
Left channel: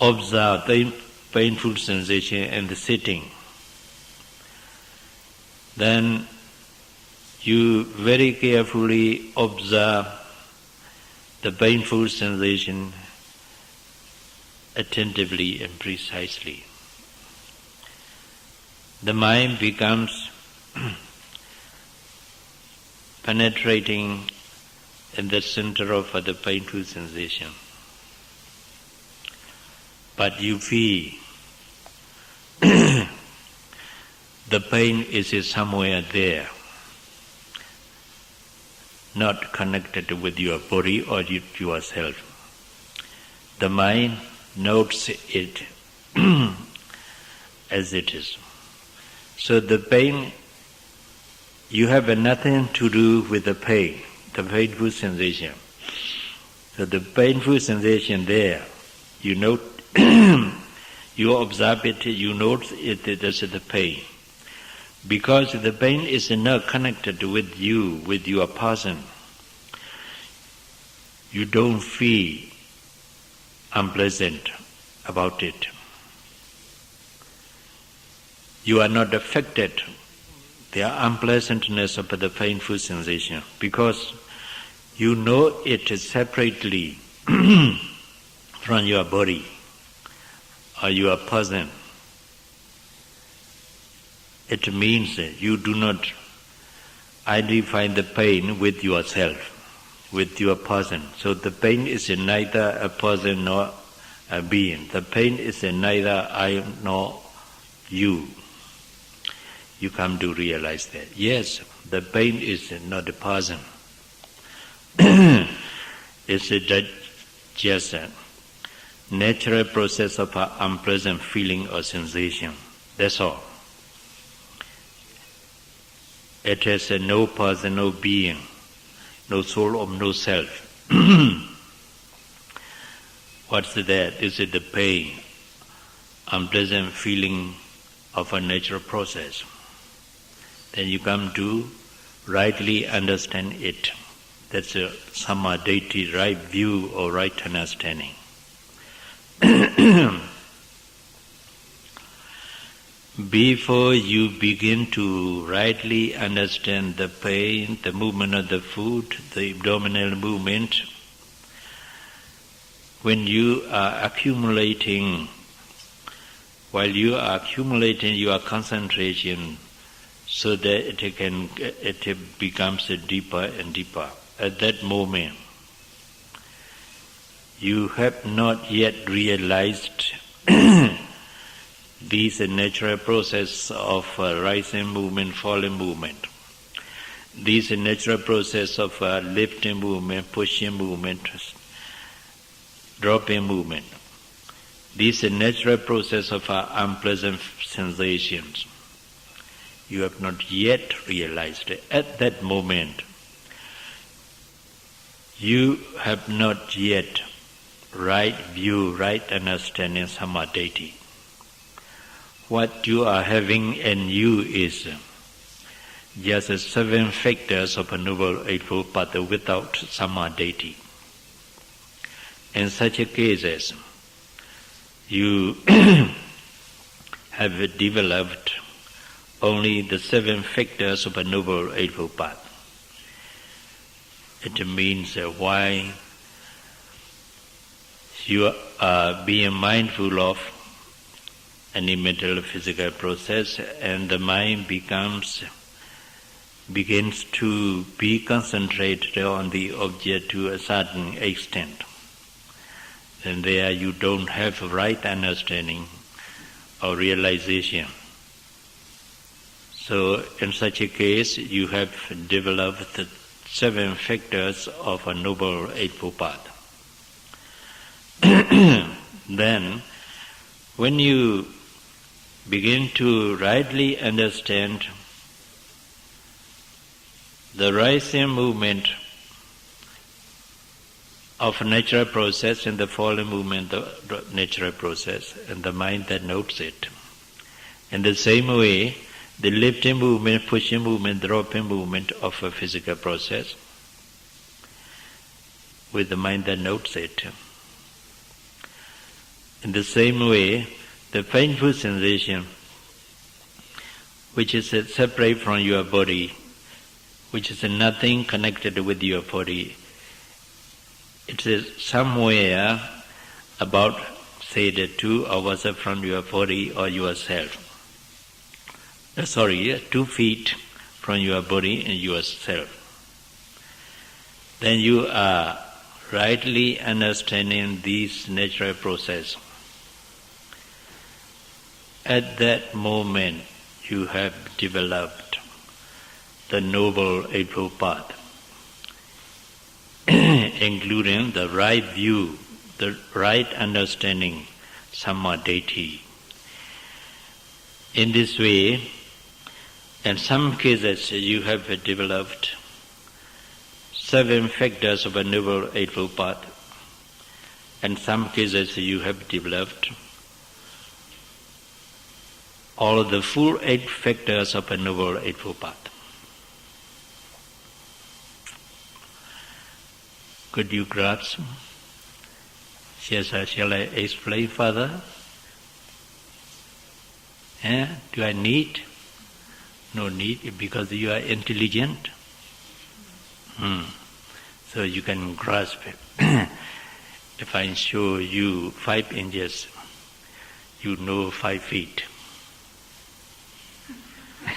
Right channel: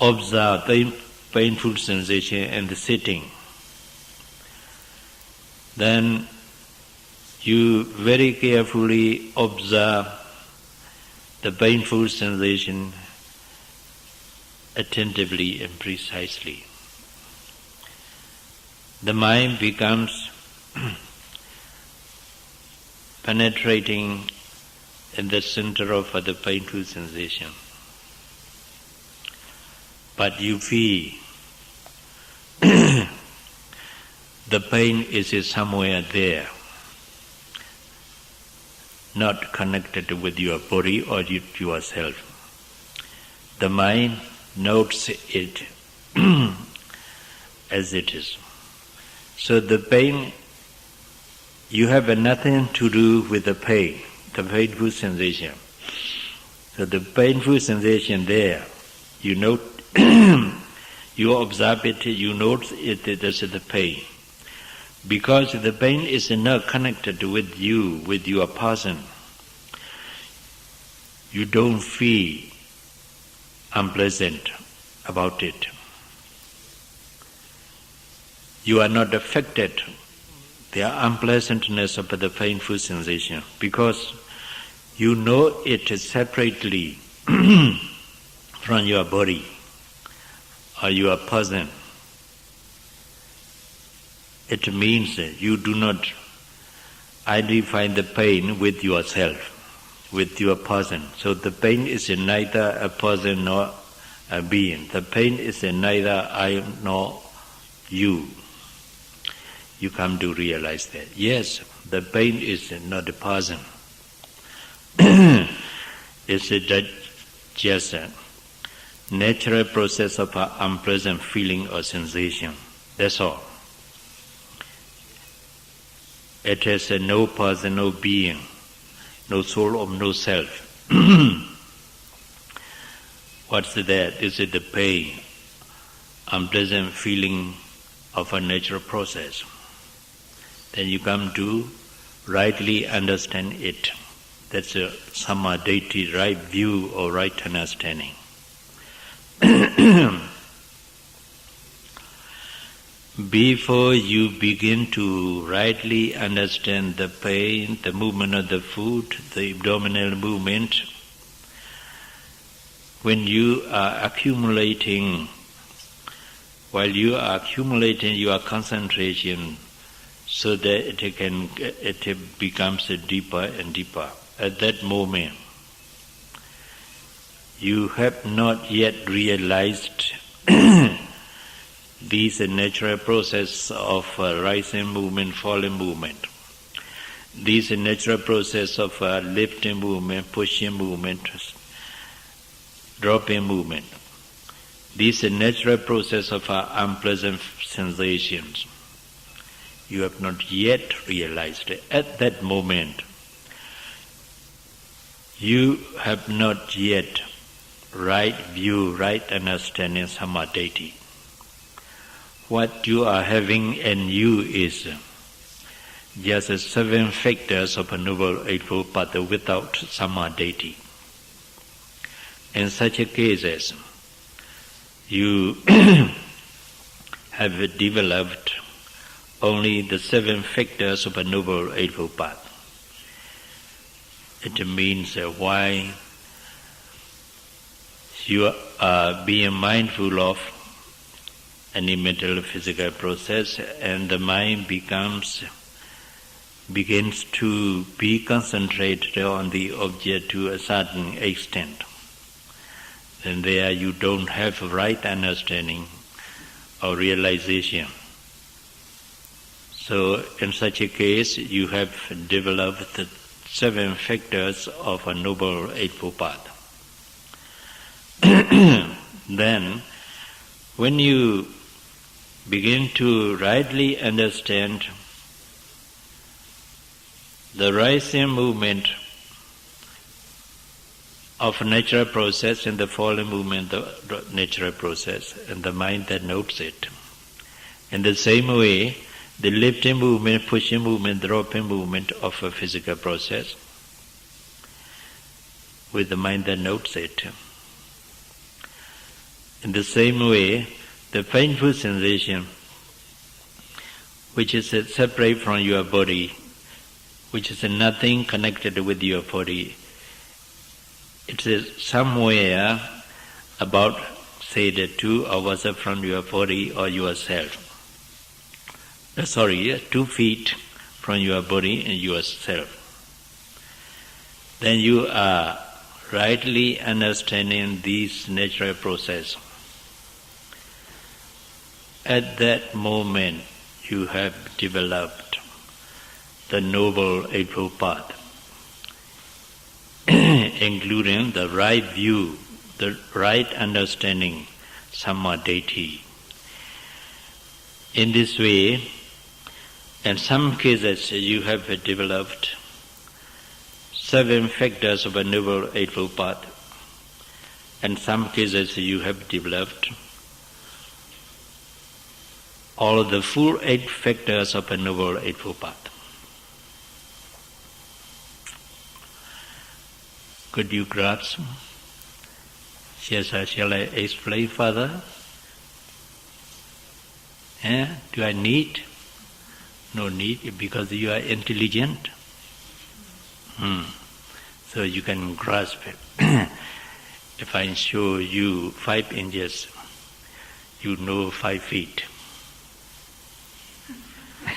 observe the painful sensation and the sitting, then you very carefully observe the painful sensation attentively and precisely. The mind becomes penetrating in the center of the painful sensation. But you feel the pain is somewhere there, not connected with your body or yourself. The mind notes it as it is. So the pain, you have nothing to do with the pain, the painful sensation. So the painful sensation there, you note, you observe it, you note it as the pain. Because the pain is not connected with you, with your person, you don't feel unpleasant about it. You are not affected the unpleasantness of the painful sensation because you know it separately from your body or your person. It means you do not identify the pain with yourself, with your person. So the pain is neither a person nor a being. The pain is neither I nor you. You come to realize that, yes, the pain is not a person. It's just a natural process of an unpleasant feeling or sensation. That's all. It has no person, no being, no soul or no self. What's that? Is it the pain, unpleasant feeling of a natural process? Then you come to rightly understand it. That's a samadhi, right view or right understanding. Before you begin to rightly understand the pain, the movement of the foot, the abdominal movement, when you are accumulating, while you are accumulating your concentration so that it becomes deeper and deeper, at that moment, you have not yet realized These natural process of rising movement, falling movement. These natural process of lifting movement, pushing movement, dropping movement. These natural process of unpleasant sensations. You have not yet realized it. At that moment, you have not yet right view, right understanding samadhi. What you are having in you is just 7 factors of a Noble Eightfold Path without samadhi. In such cases, you have developed only the 7 factors of a Noble Eightfold Path. It means why you are being mindful of any mental or physical process, and the mind begins to be concentrated on the object to a certain extent. And there you don't have right understanding or realization. So in such a case, you have developed the 7 factors of a Noble Eightfold Path. Then, when you begin to rightly understand the rising movement of natural process and the falling movement of the natural process, and the mind that notes it. In the same way, the lifting movement, pushing movement, dropping movement of a physical process, with the mind that notes it. In the same way, the painful sensation, which is separate from your body, which is nothing connected with your body, it is somewhere about, say, the 2 hours from your body or yourself. 2 feet from your body and yourself. Then you are rightly understanding these natural process. At that moment, you have developed the Noble Eightfold Path, including the right view, the right understanding, samadhi. In this way, in some cases, you have developed 7 factors of a Noble Eightfold Path. In some cases, you have developed all of the full 8 factors of a Noble Eightfold Path. Could you grasp? Yes, shall I explain further? Do I need? No need, because you are intelligent. So you can grasp it. If I show you 5 inches, you know 5 feet.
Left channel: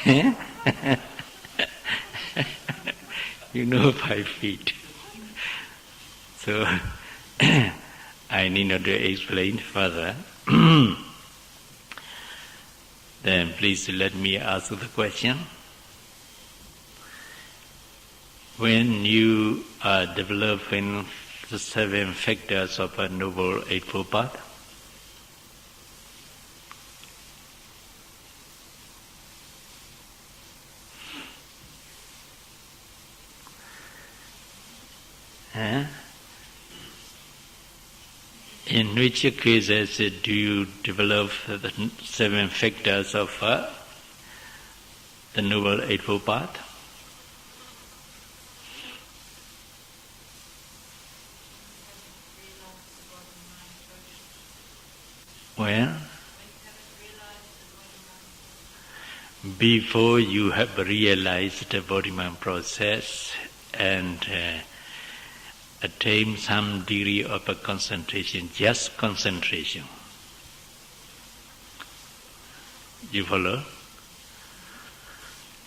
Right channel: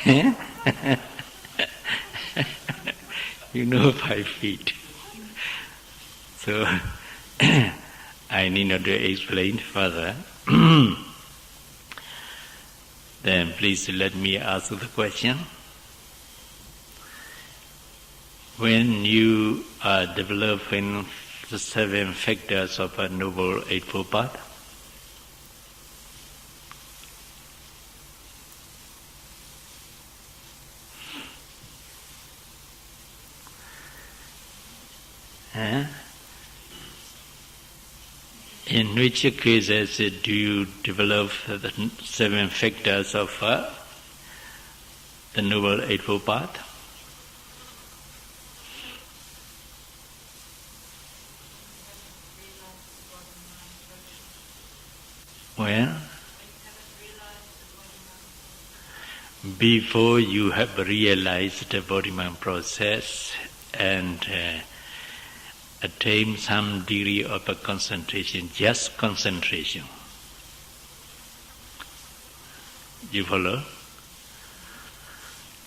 You know 5 feet. So I need not to explain further. Then please let me ask the question. When you are developing the 7 factors of a Noble Eightfold Path, in which cases do you develop the 7 factors of the Noble Eightfold Path? Well, before you have realized the body-mind process and attain some degree of a concentration, just concentration. You follow?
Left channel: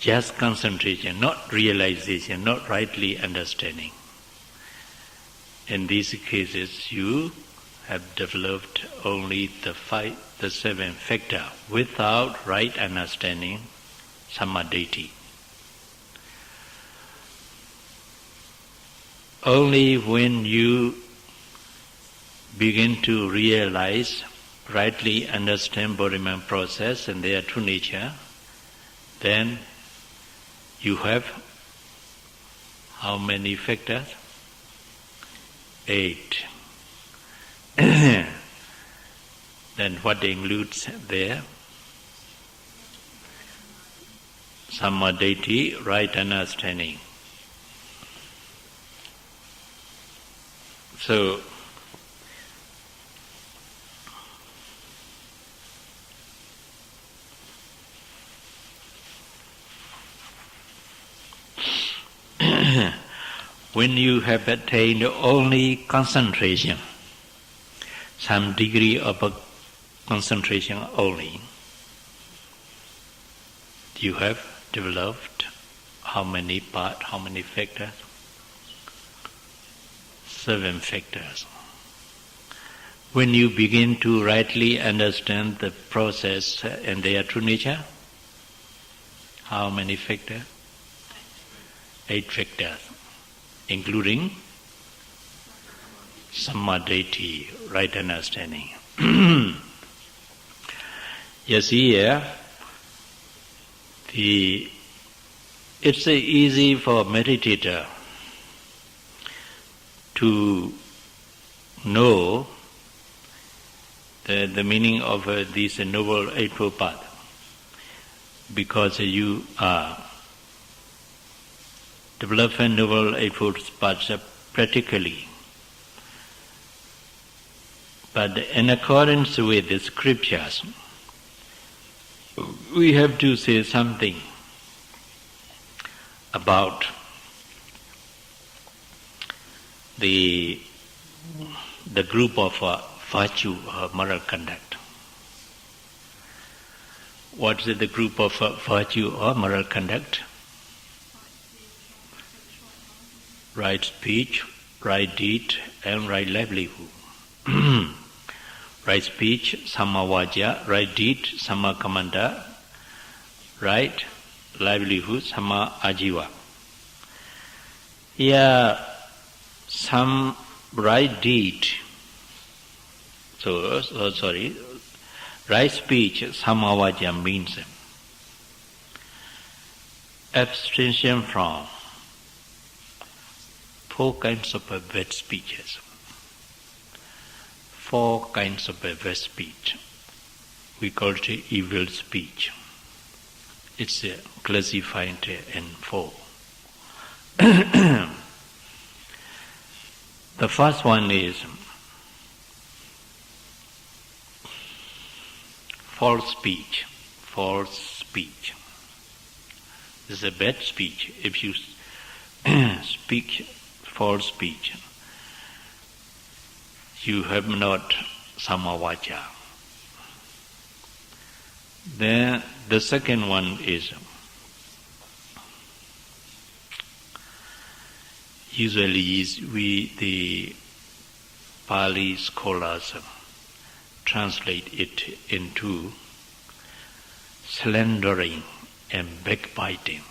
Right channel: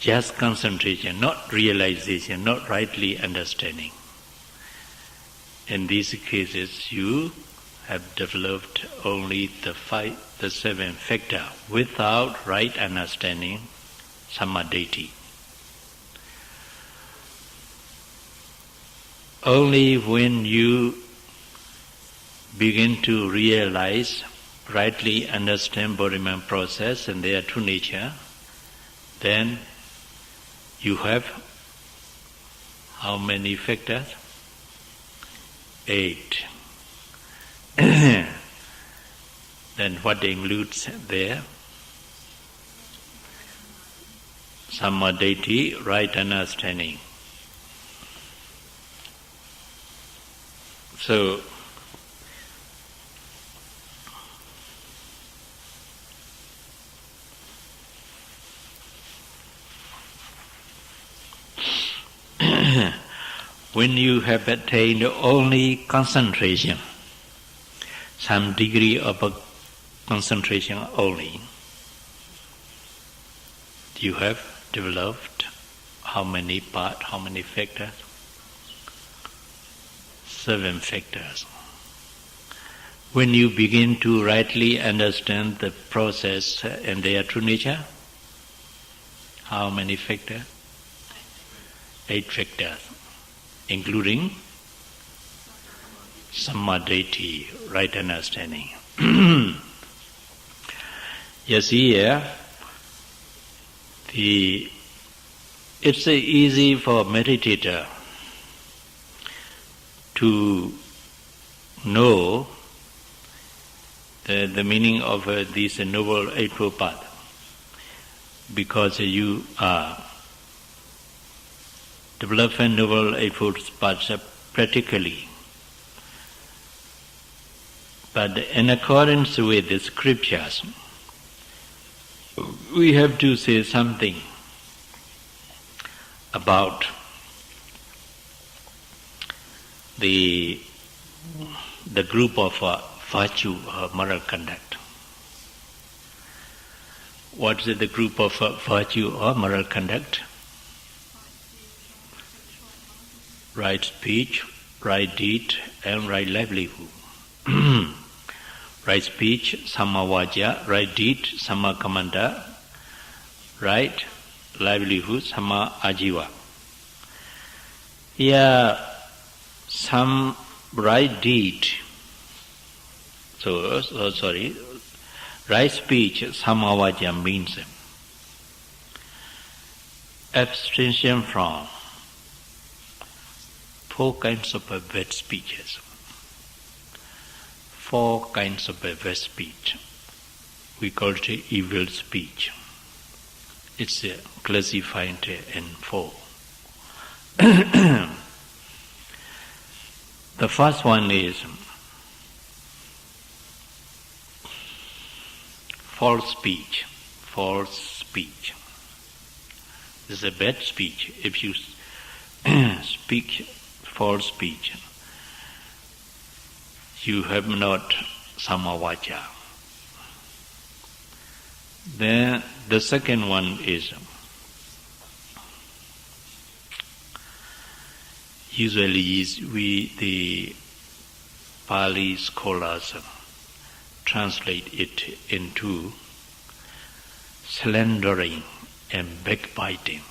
Just concentration, not realization, not rightly understanding. In these cases, you have developed only the seven factors without right understanding, samadhi. Only when you begin to realize, rightly understand body-mind process and their true nature, then you have how many factors? 8. Then what includes there? Samadhi, right understanding. So, when you have attained only concentration, some degree of concentration only, you have developed how many parts, how many factors? 7 factors. When you begin to rightly understand the process and their true nature, how many factors? 8 factors, including samadhi, right understanding. You see here, it's easy for meditator to know the meaning of this Noble Eightfold Path, because you are developing Noble Eightfold Path practically. But in accordance with the scriptures, we have to say something about the group of virtue or moral conduct. What is the group of virtue or moral conduct? Right speech, right deed, and right livelihood. Right speech, samma vajja; right deed, samma kammanta; right livelihood, samma ajiva. Here, some right deed, right speech, samma vajja means abstention from 4 kinds of bad speeches. 4 kinds of bad speech. We call it evil speech. It's classified in 4. The first one is false speech. False speech. This is a bad speech. If you speak false speech, you have not samma vajja. Then the second one is usually the Pali scholars translate it into slandering and backbiting.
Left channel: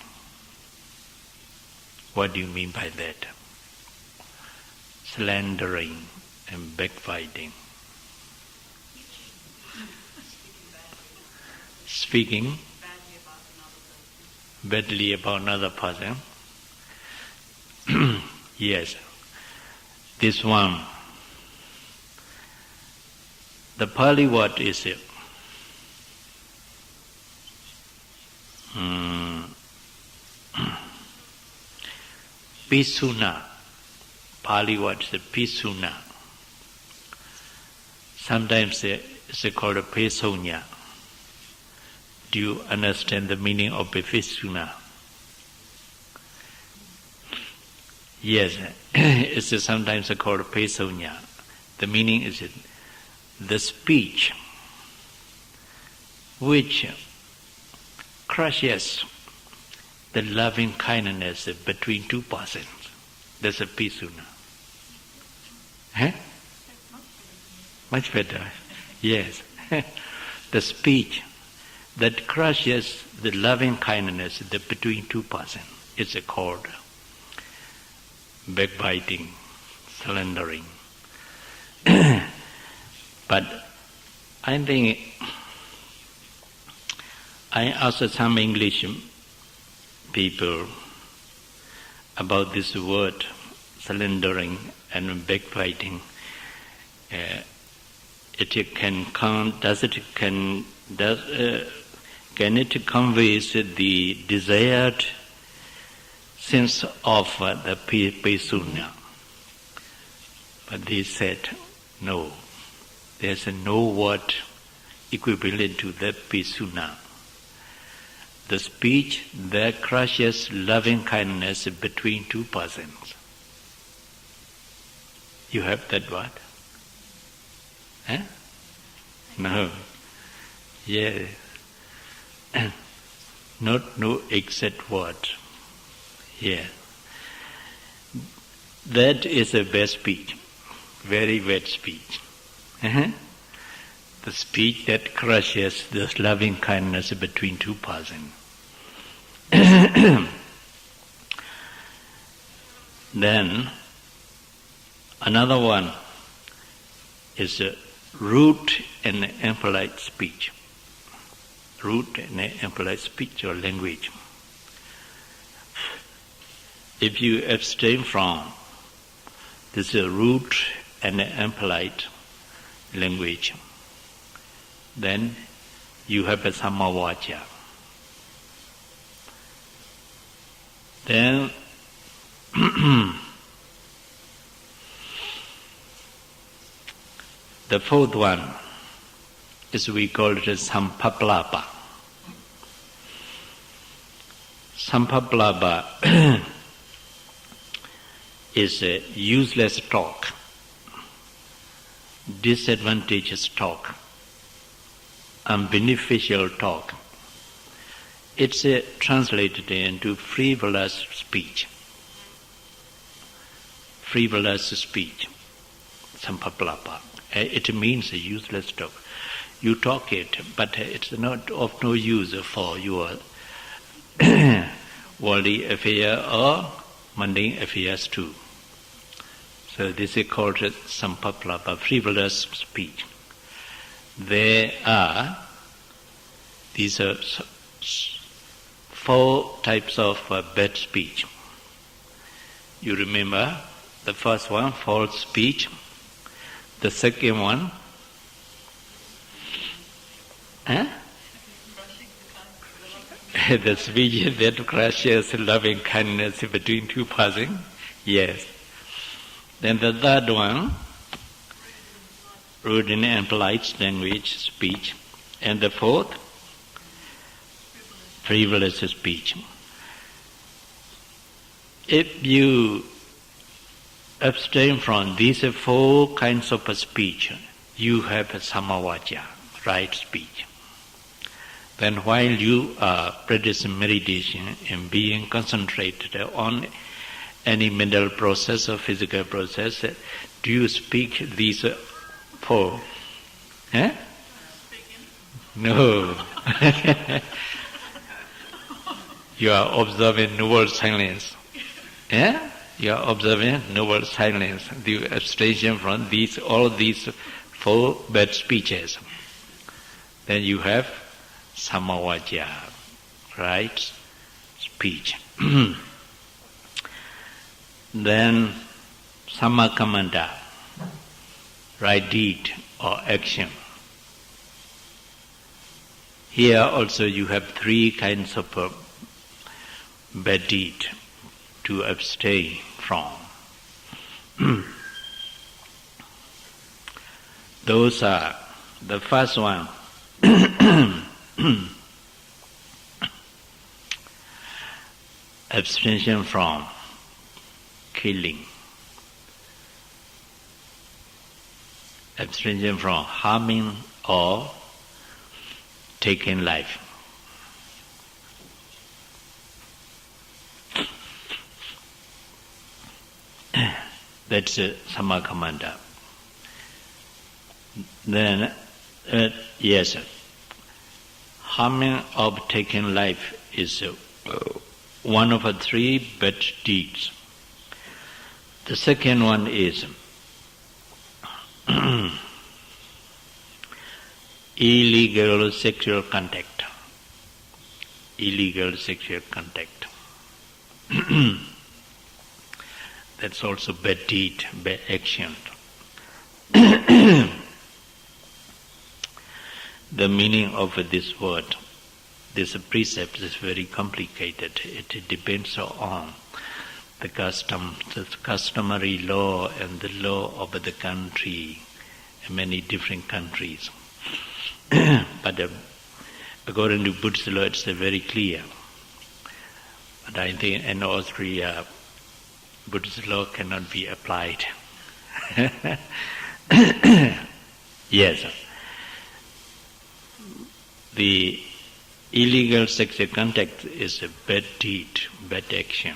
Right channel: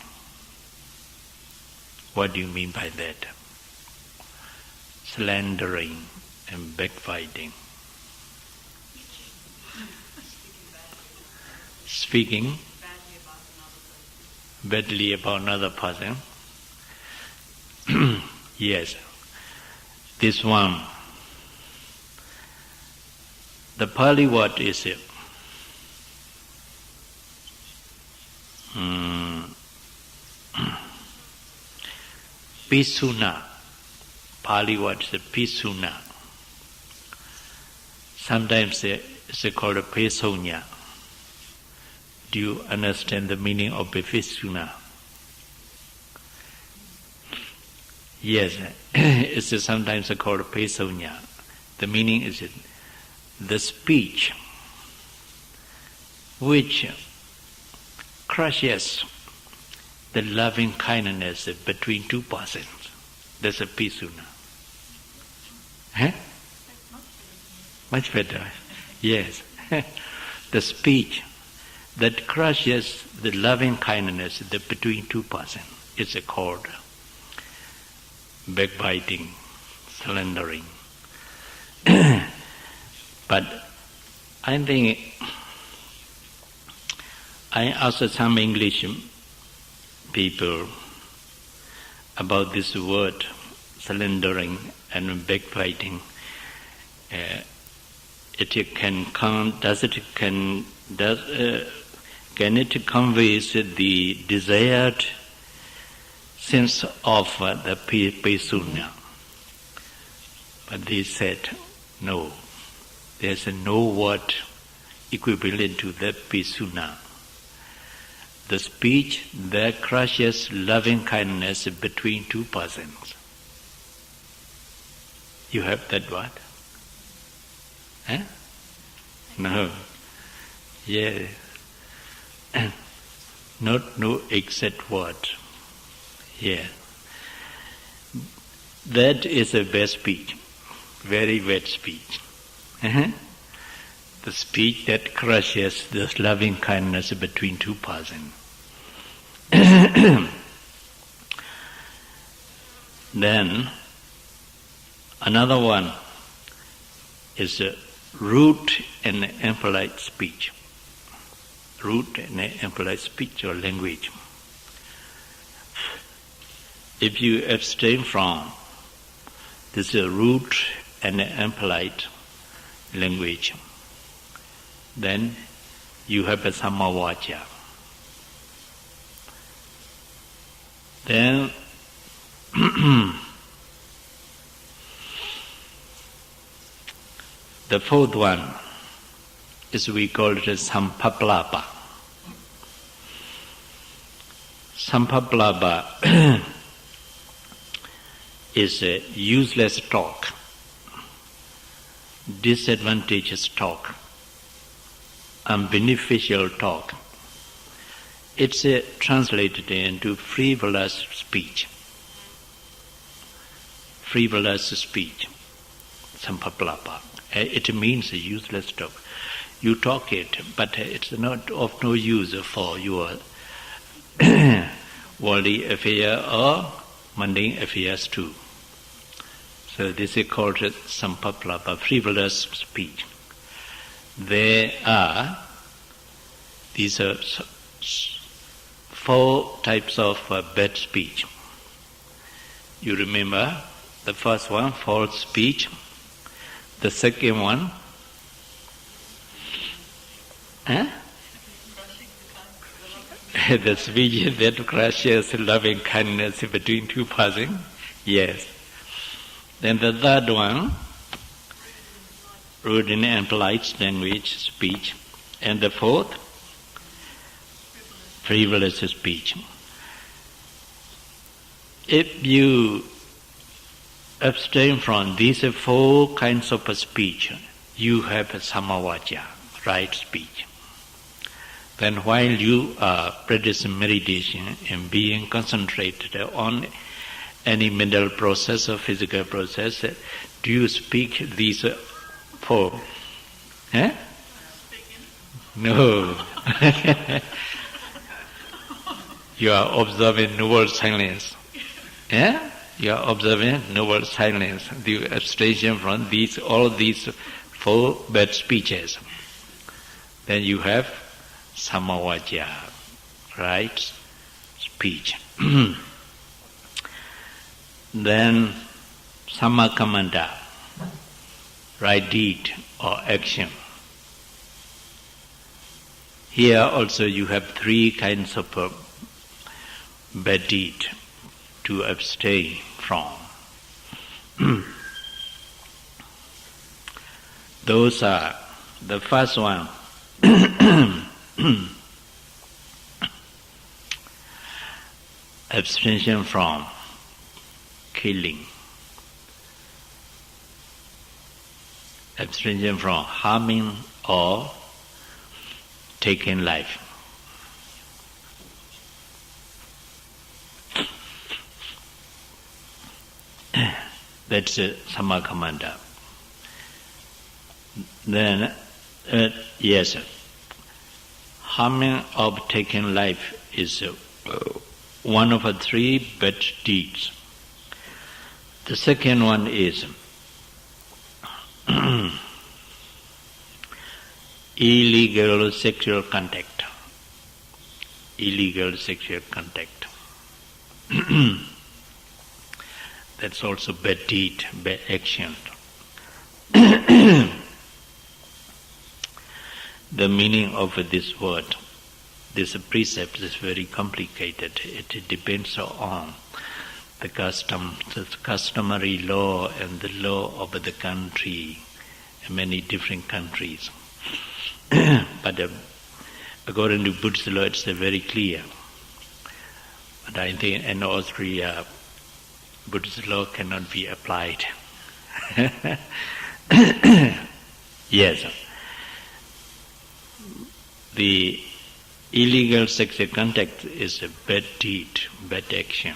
What do you mean by that? Slandering and backbiting. Speaking badly about another person. Yes, this one. The Pali word is pisuna. Pali word is pisuna. Sometimes it's called a pesonya. Do you understand the meaning of pisuna? Yes, it's sometimes called pesonya. The meaning is the speech which crushes the loving kindness between 2 persons. That's a pisuna. Huh? Much better. Yes. The speech that crushes the loving kindness between two persons is called backbiting, slandering. But I think I asked some English people about this word, slandering and backbiting. Can it convey the desired sense of the pesunya? But they said, no, there's no word equivalent to the pesunya. The speech that crushes loving kindness between two persons. You have that word? Huh? No. Yeah. No exact word. Yeah. That is a bad speech. Very bad speech. The speech that crushes this loving kindness between two persons. Then another one is rude and impolite speech. Rude and impolite speech or language. If you abstain from this rude and impolite language, then you have a samavacha. Then the fourth one is we call it sampaplapa. Sampaplapa is a useless talk, disadvantageous talk, unbeneficial talk. It's translated into frivolous speech. Frivolous speech, sampaplapa. It means a useless talk. You talk it, but it's not of no use for your worldly affair or mundane affairs too. So this is called sampaplapa, frivolous speech. These are 4 types of bad speech. You remember the first one, false speech. The second one, the speech that crushes loving kindness between two persons. Yes. Then the third one, rude and impolite language, speech. And the fourth, frivolous speech. If you abstain from these 4 kinds of speech, you have a samavacha, right speech. Then while you are practicing meditation and being concentrated on any mental process or physical process, do you speak these 4? No. You are observing noble silence. You are observing noble silence. The abstention from all these 4 bad speeches. Then you have samavacha, right speech. Then sammakamanta, right deed or action. Here also you have 3 kinds of bad deed to abstain from. Those are the first one. Abstention from killing. Abstention from harming or taking life. That's sammakamanta. Then, yes, harming of taking life is one of the three bad deeds. The second one is illegal sexual contact. Illegal sexual contact. That's also bad deed, bad action. The meaning of this word, this precept is very complicated. It depends on the customary law and the law of the country, many different countries. But according to Buddhist law, it's very clear. But I think in Austria, Buddhist law cannot be applied. Yes. The illegal sexual contact is a bad deed, bad action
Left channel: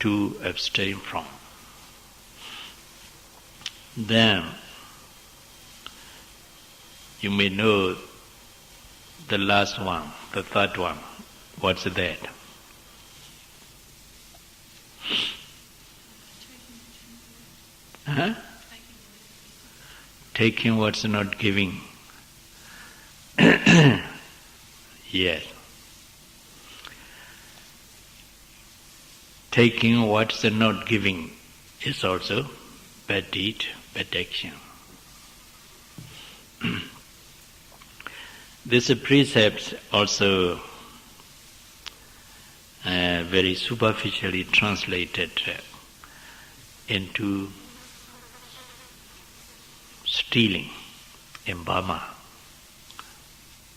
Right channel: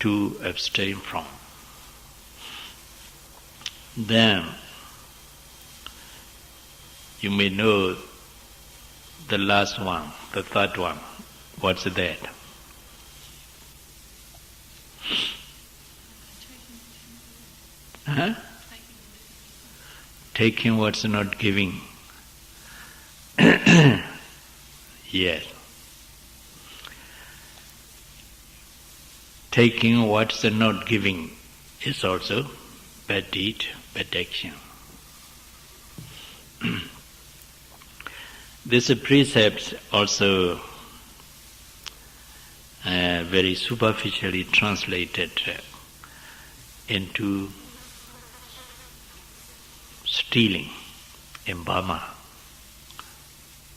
to abstain from. Then you may know the last one, the third one. What's that? Taking what's not giving. Yes. Taking what's not giving is also bad deed, bad action. This precept also very superficially translated into stealing in Burma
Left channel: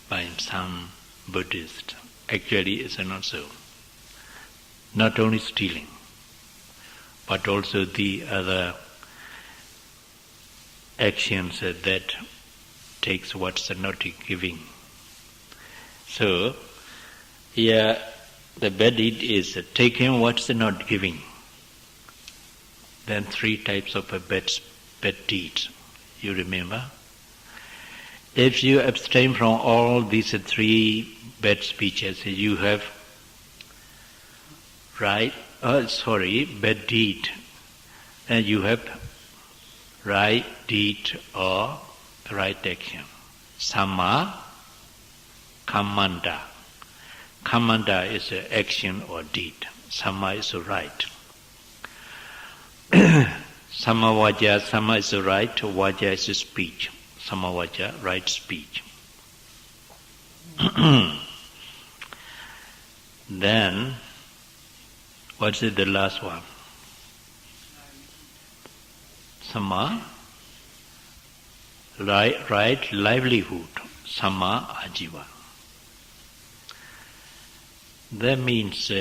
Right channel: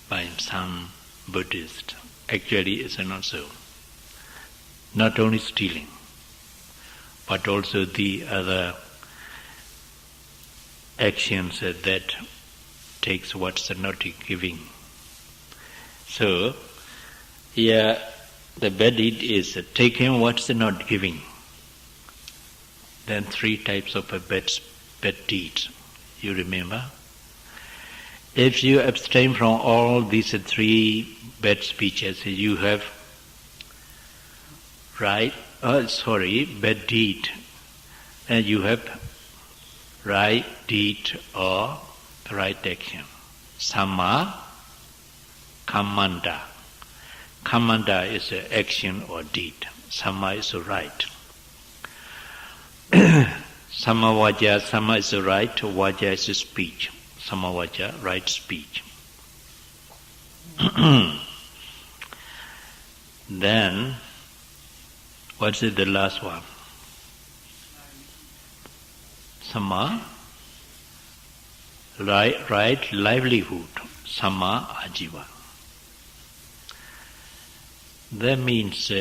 by some Buddhists. Actually, it's not so. Not only stealing, but also the other actions that takes what's not giving. So, here the bad deed is taking what's not giving. Then three types of bad deeds. You remember? If you abstain from all these three bad speeches, you have bad deed. And you have right deed or right action. Samma kammanta. Kammanta is action or deed. Samma is right. Samma vaja, samma is right, vaja is speech. Samma vaja, right speech. Then, what's the last one? Samma, right livelihood. Samma ajiva. That means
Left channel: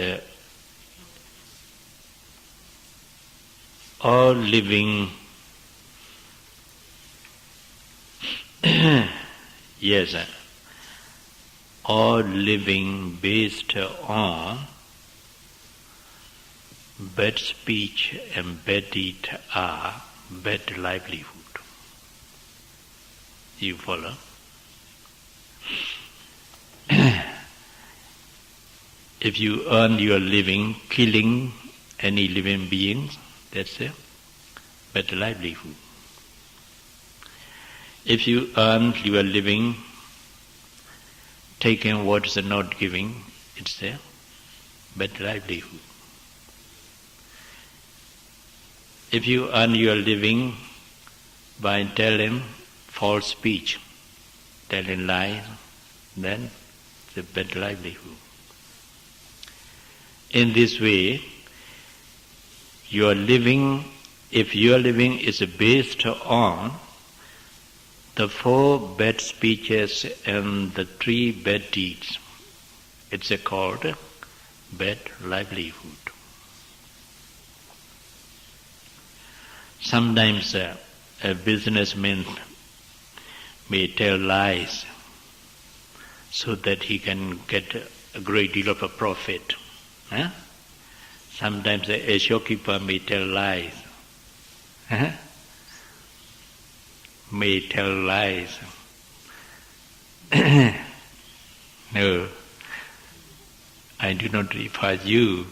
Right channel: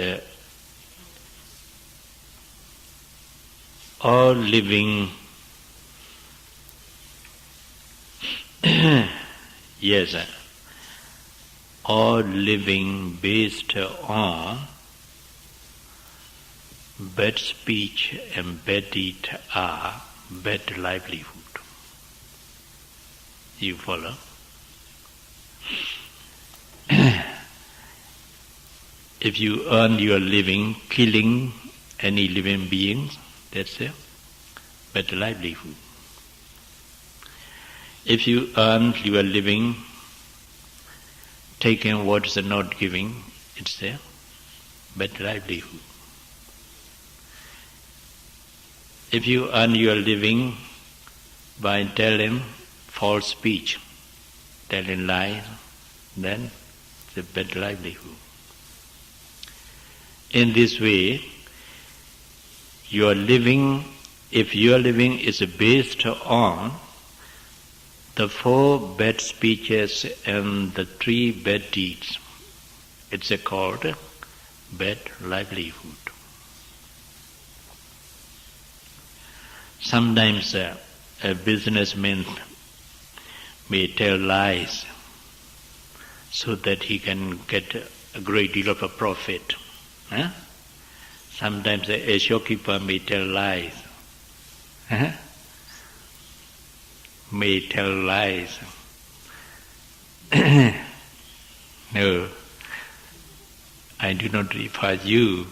all living, yes, all living based on bad speech and bad deed are bad livelihood. You follow? If you earn your living killing any living beings, that's a bad livelihood. If you earn your living taking what's not giving, it's a bad livelihood. If you earn your living by telling false speech, telling lies, then it's a bad livelihood. In this way, your living, if your living is based on the four bad speeches and the three bad deeds, it's called bad livelihood. Sometimes a businessman may tell lies so that he can get a great deal of a profit. Sometimes a shopkeeper may tell lies may tell lies. No, I do not refer you.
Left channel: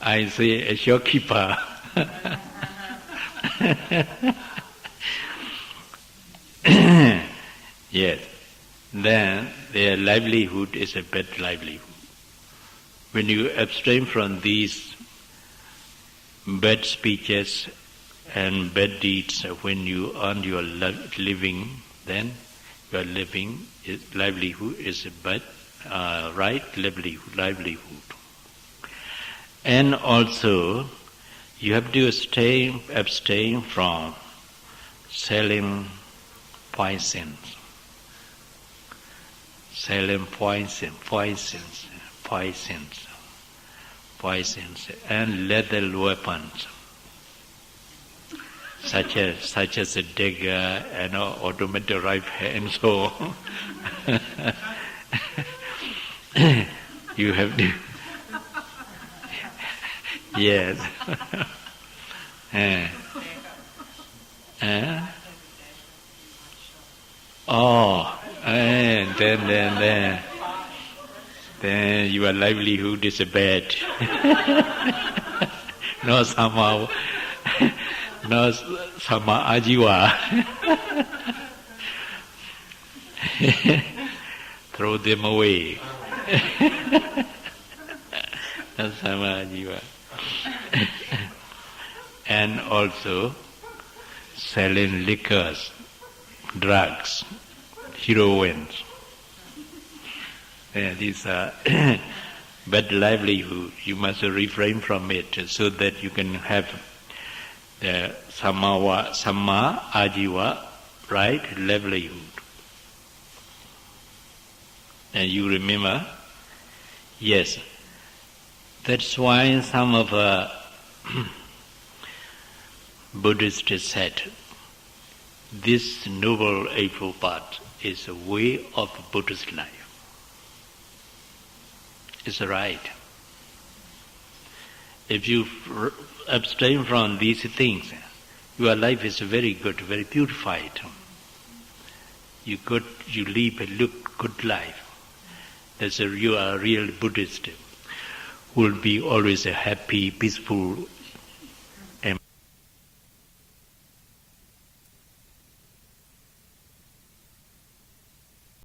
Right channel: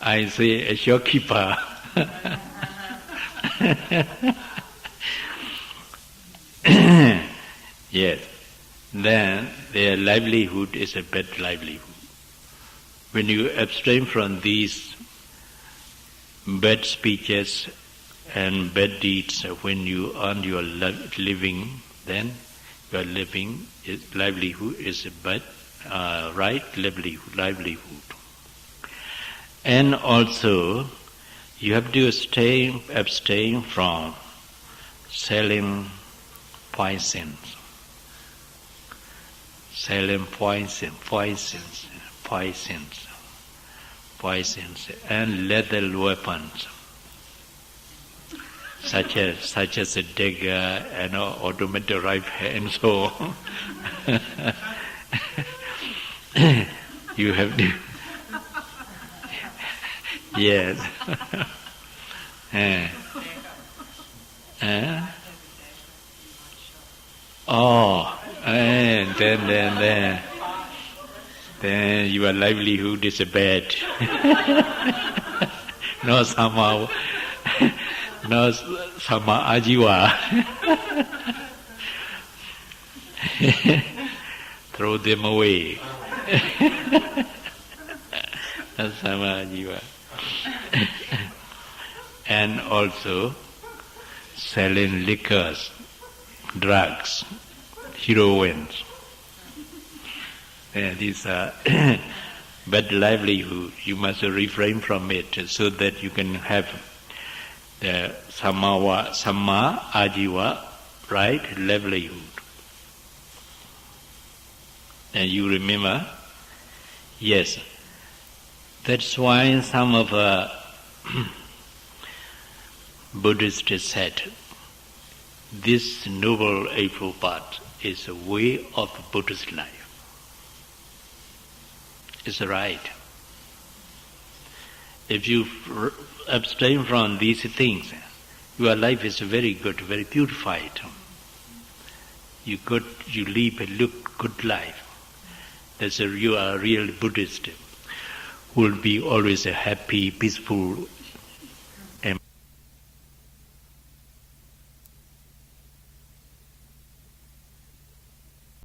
I say a shopkeeper. Yes. Then their livelihood is a bad livelihood. When you abstain from these bad speeches and bad deeds, when you earn your living, then your livelihood is a bad, right livelihood. And also, you have to abstain from selling poisons. Selling poisons, and lethal weapons, such as a dagger and automatic rifle and so on. You have to, yes. And then your livelihood is bad. No sama ajiwa. Throw them away. No sama ajiwa. And also selling liquors, drugs, heroines. These are bad livelihood. You must refrain from it so that you can have the sama ajiva, right livelihood. And you remember? Yes. That's why some of Buddhists said, this Noble Eightfold Path is a way of Buddhist life. It's right. If you abstain from these things, your life is very good, very purified. You live a good life. You are a real Buddhist who will be always a happy, peaceful